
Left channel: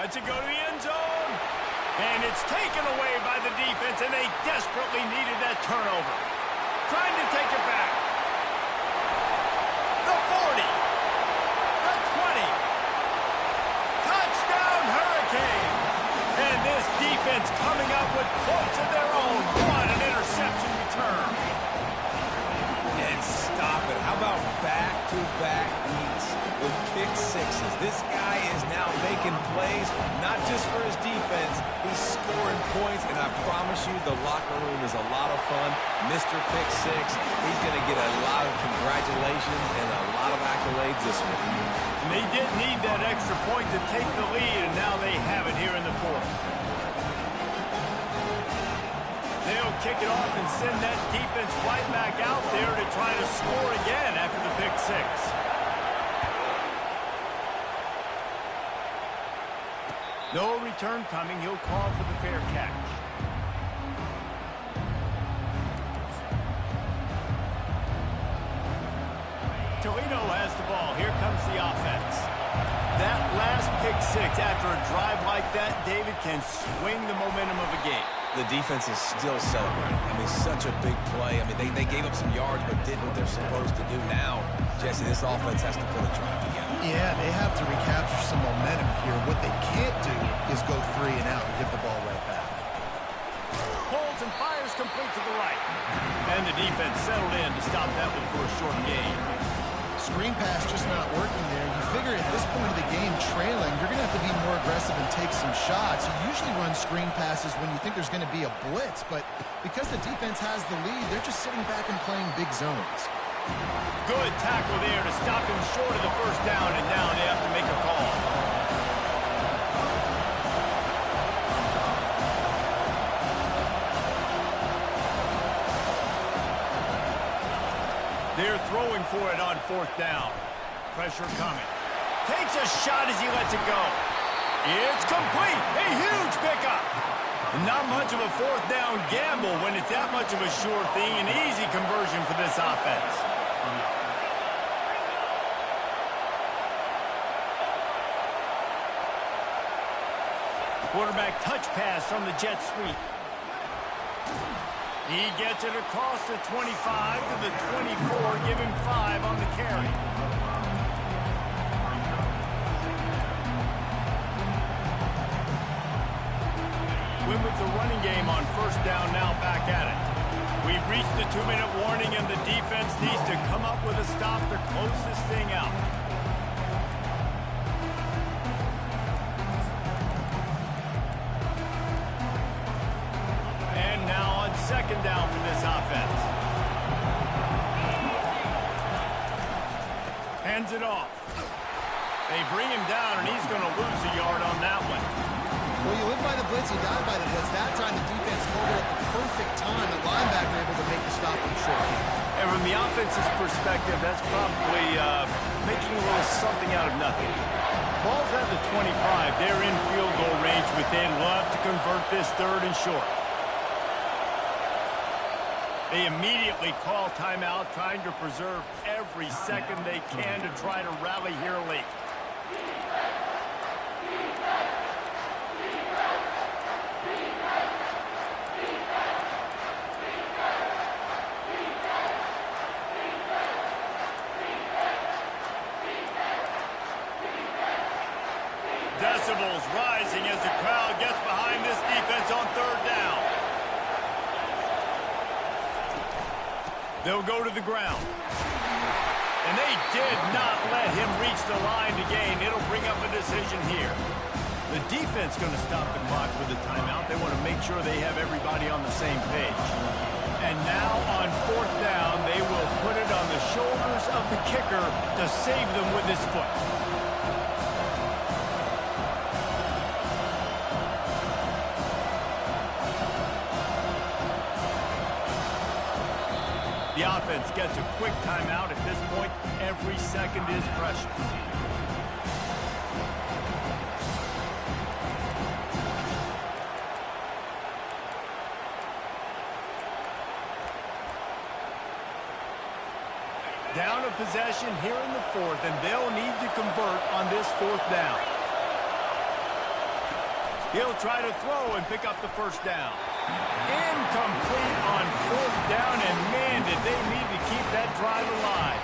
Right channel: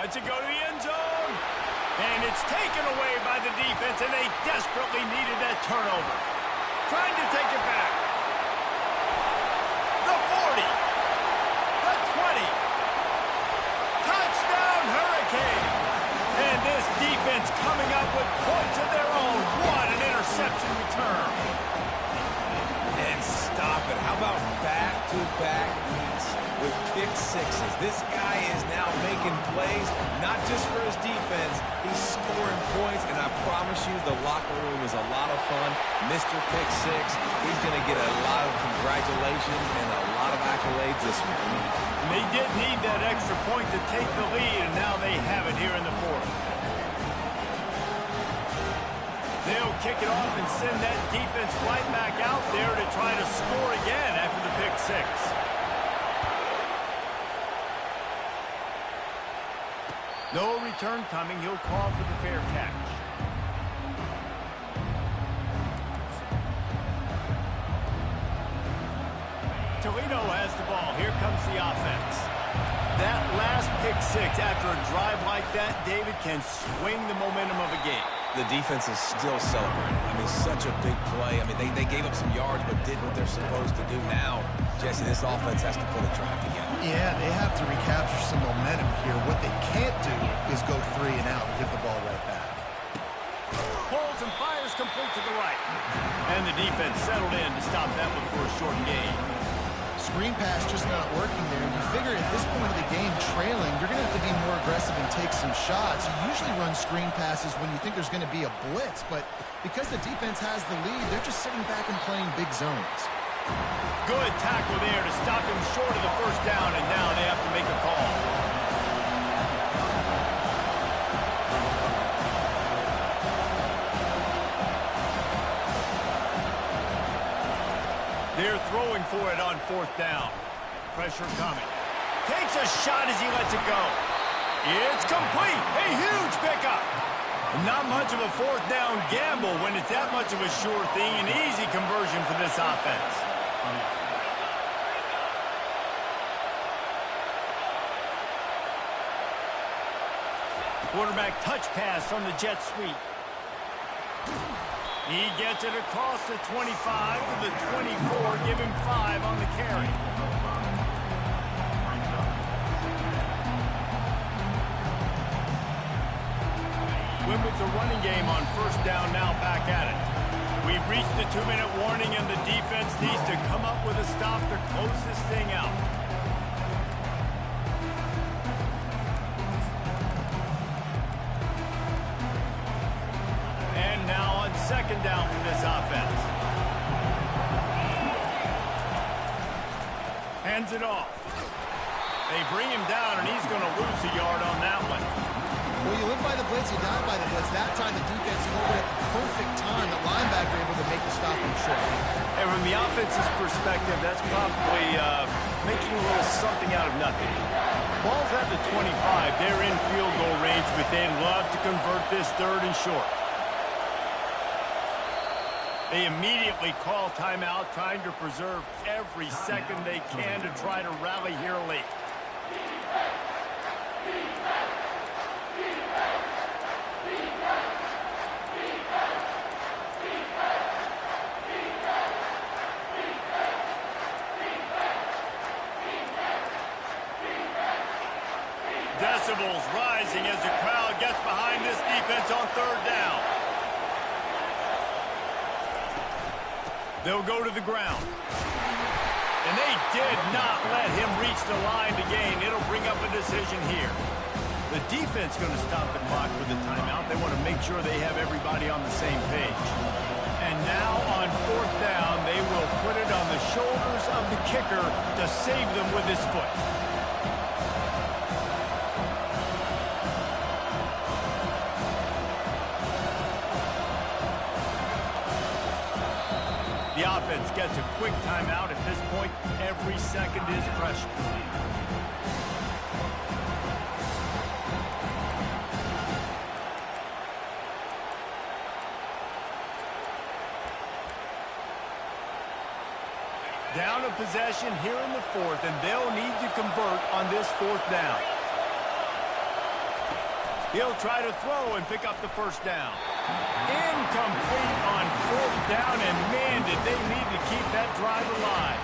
Lets it go to the end zone. And it's taken away by the defense, and they desperately needed that turnover. Trying to take it back. The 40. The 20. Touchdown, Hurricane. And this defense coming up with points of their own. What an interception return. And stop it. How about back-to-back weeks with pick sixes? This guy is now making plays, not just for his defense. He's scoring points, and I promise you the locker room is a lot of fun. Mr. Pick Six, he's going to get a lot of congratulations and a lot of accolades this week. And they did need that extra point to take the lead, and now they have it here in the fourth. They'll kick it off and send that defense right back out there to try to score again after the pick six. No return coming. He'll call for the fair catch. Toledo has the ball. Here comes the offense. That last pick six after a drive like that, David, can swing the momentum of a game. The defense is still celebrating. I mean, such a big play. I mean, they gave up some yards but did what they're supposed to do. Now, Jesse, this offense has to put a drive together. Yeah, they have to recapture some momentum here. What they can't do is go 3 and out and give the ball right back. Holds and fires complete to the right. And the defense settled in to stop that one for a short gain. Screen pass just not working there. You figure at this point of the game, trailing, you're going to have to be more aggressive and take some shots. You usually run screen passes when you think there's going to be a blitz, but because the defense has the lead, they're just sitting back and playing big zones. Good tackle there to stop him short of the first down, and now they have to make a call. They're throwing for it on fourth down. Pressure coming. Takes a shot as he lets it go. It's complete. A huge pickup. Not much of a fourth down gamble when it's that much of a sure thing. An easy conversion for this offense. Quarterback touch pass on the jet sweep. He gets it across the 25 to the 24, give him 5 on the carry. Win with the running game on first down, now back at it. We've reached the 2-minute warning, and the defense needs to come up with a stop to close this thing out. And now on second down for this offense. Hands it off. They bring him down, and he's going to lose a yard on that one. Well, you live by the blitz, you die by the blitz. That time the defense called it at the perfect time. The linebacker able to make the stop on short game. And from the offense's perspective, that's probably making a little something out of nothing. Ball's at the 25. They're in field goal range, but they'd love to convert this third and short. They immediately call timeout, trying to preserve every second they can to try to rally here late. Decibels rising as the crowd gets behind this defense on third down. They'll go to the ground. And they did not let him reach the line to gain. It'll bring up a decision here. The defense going to stop the clock with a timeout. They want to make sure they have everybody on the same page. And now on fourth down, they will put it on the shoulders of the kicker to save them with his foot. The offense gets a quick timeout. At this point, every second is precious. Down a possession here in the fourth, and they'll need to convert on this fourth down. He'll try to throw and pick up the first down. Incomplete on fourth down, and man, did they need to keep that drive alive.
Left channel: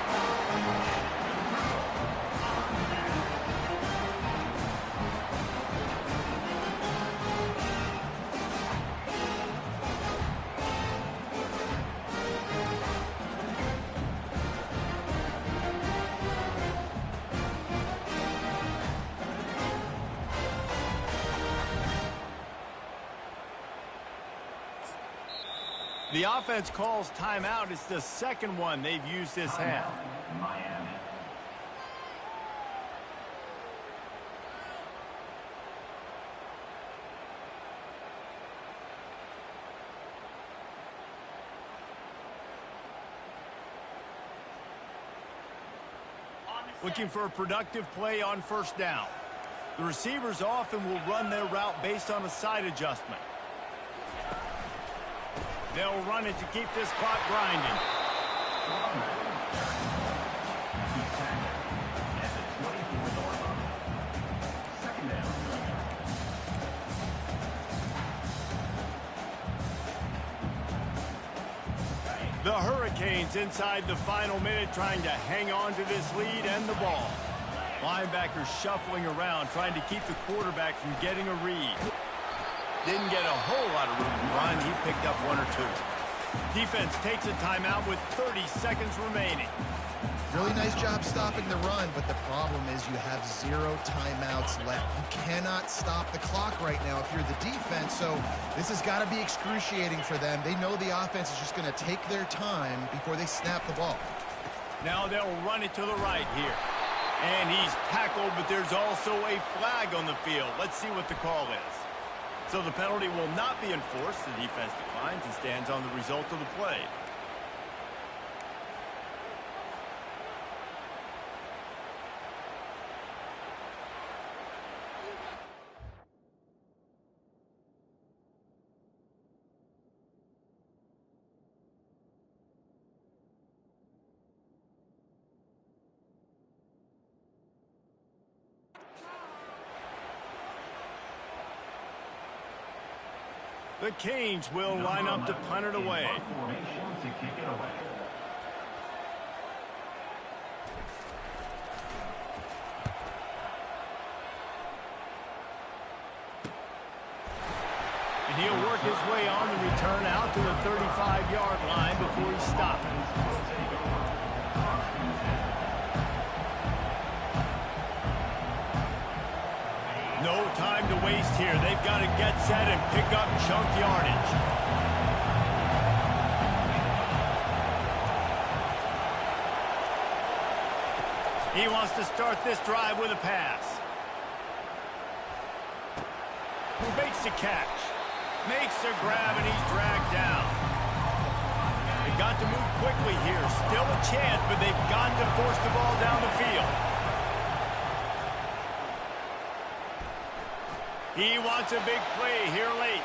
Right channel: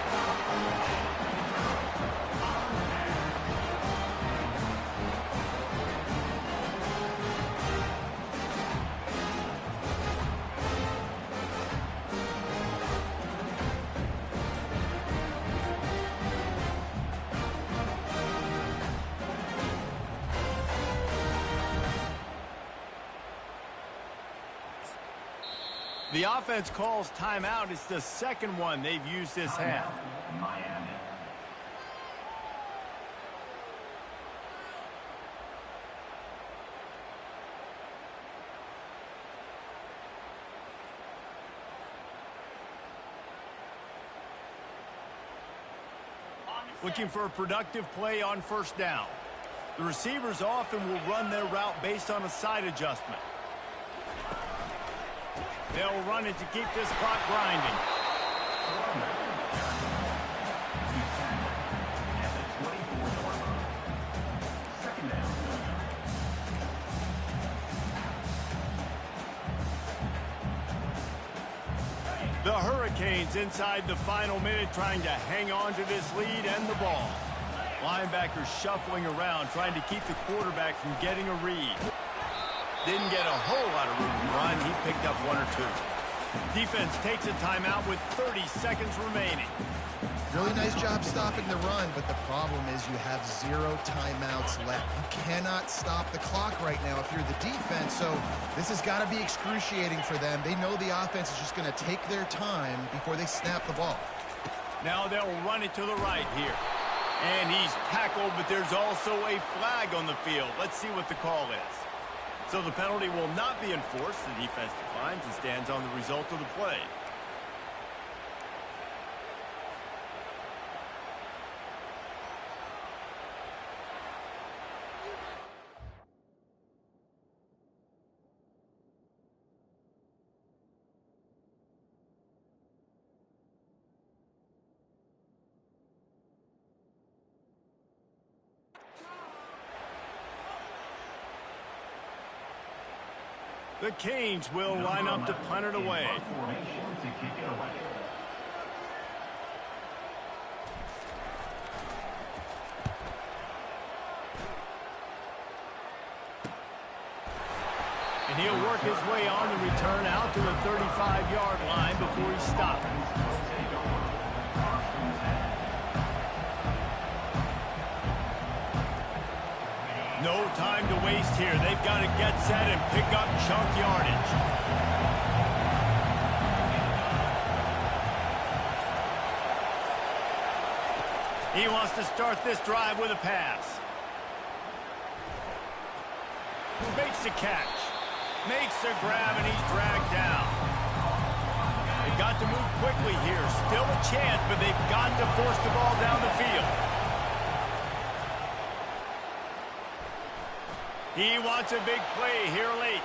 The offense calls timeout. It's the second one they've used this half. Miami. Looking for a productive play on first down. The receivers often will run their route based on a side adjustment. They'll run it to keep this clock grinding. He's tackled at the 24-yard line. Second down coming up. The Hurricanes inside the final minute trying to hang on to this lead and the ball. Linebackers shuffling around trying to keep the quarterback from getting a read. Didn't get a whole lot of room to run. He picked up one or two. Defense takes a timeout with 30 seconds remaining. Really nice job stopping the run, but the problem is you have 0 timeouts left. You cannot stop the clock right now if you're the defense, so this has got to be excruciating for them. They know the offense is just going to take their time before they snap the ball. Now they'll run it to the right here. And he's tackled, but there's also a flag on the field. Let's see what the call is. So the penalty will not be enforced. The defense declines and stands on the result of the play. The Canes will line up to punt it away. Formation to kick it away. And he'll work his way on the return out to the 35-yard line before he stops. No time to waste here. They've got to get set and pick up chunk yardage. He wants to start this drive with a pass. Who makes the catch? Makes the grab, and he's dragged down. They've got to move quickly here. Still a chance, but they've got to force the ball down the field. He wants a big play here late.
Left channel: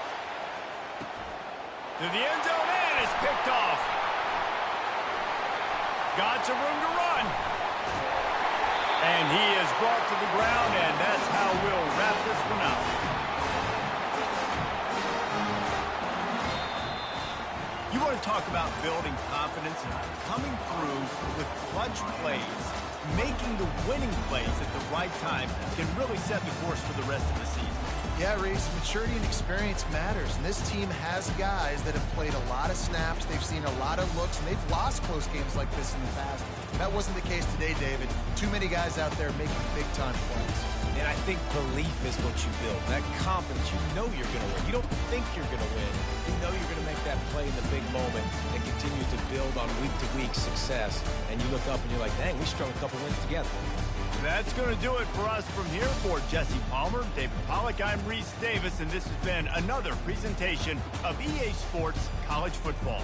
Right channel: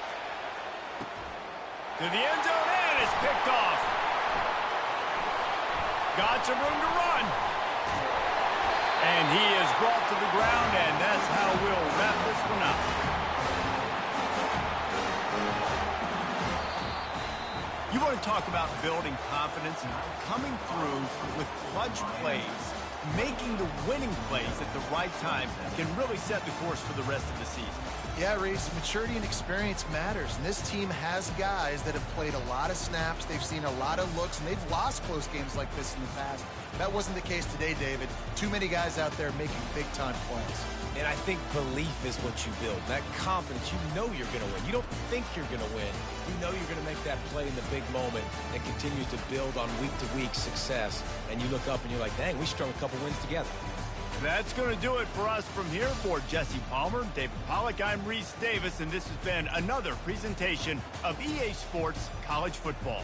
To the end zone, and it's picked off. Got some room to run. And he is brought to the ground, and that's how we'll wrap this one up. You want to talk about building confidence and coming through with clutch plays, making the winning plays at the right time can really set the course for the rest of the season. Yeah, Reese, maturity and experience matters, and this team has guys that have played a lot of snaps, they've seen a lot of looks, and they've lost close games like this in the past. That wasn't the case today, David. Too many guys out there making big-time plays. And I think belief is what you build. That confidence, you know you're going to win. You don't think you're going to win. You know you're going to make that play in the big moment and continue to build on week-to-week success. And you look up and you're like, dang, we strung a couple wins together. That's going to do it for us from here. For Jesse Palmer, David Pollack, I'm Reese Davis, and this has been another presentation of EA Sports College Football.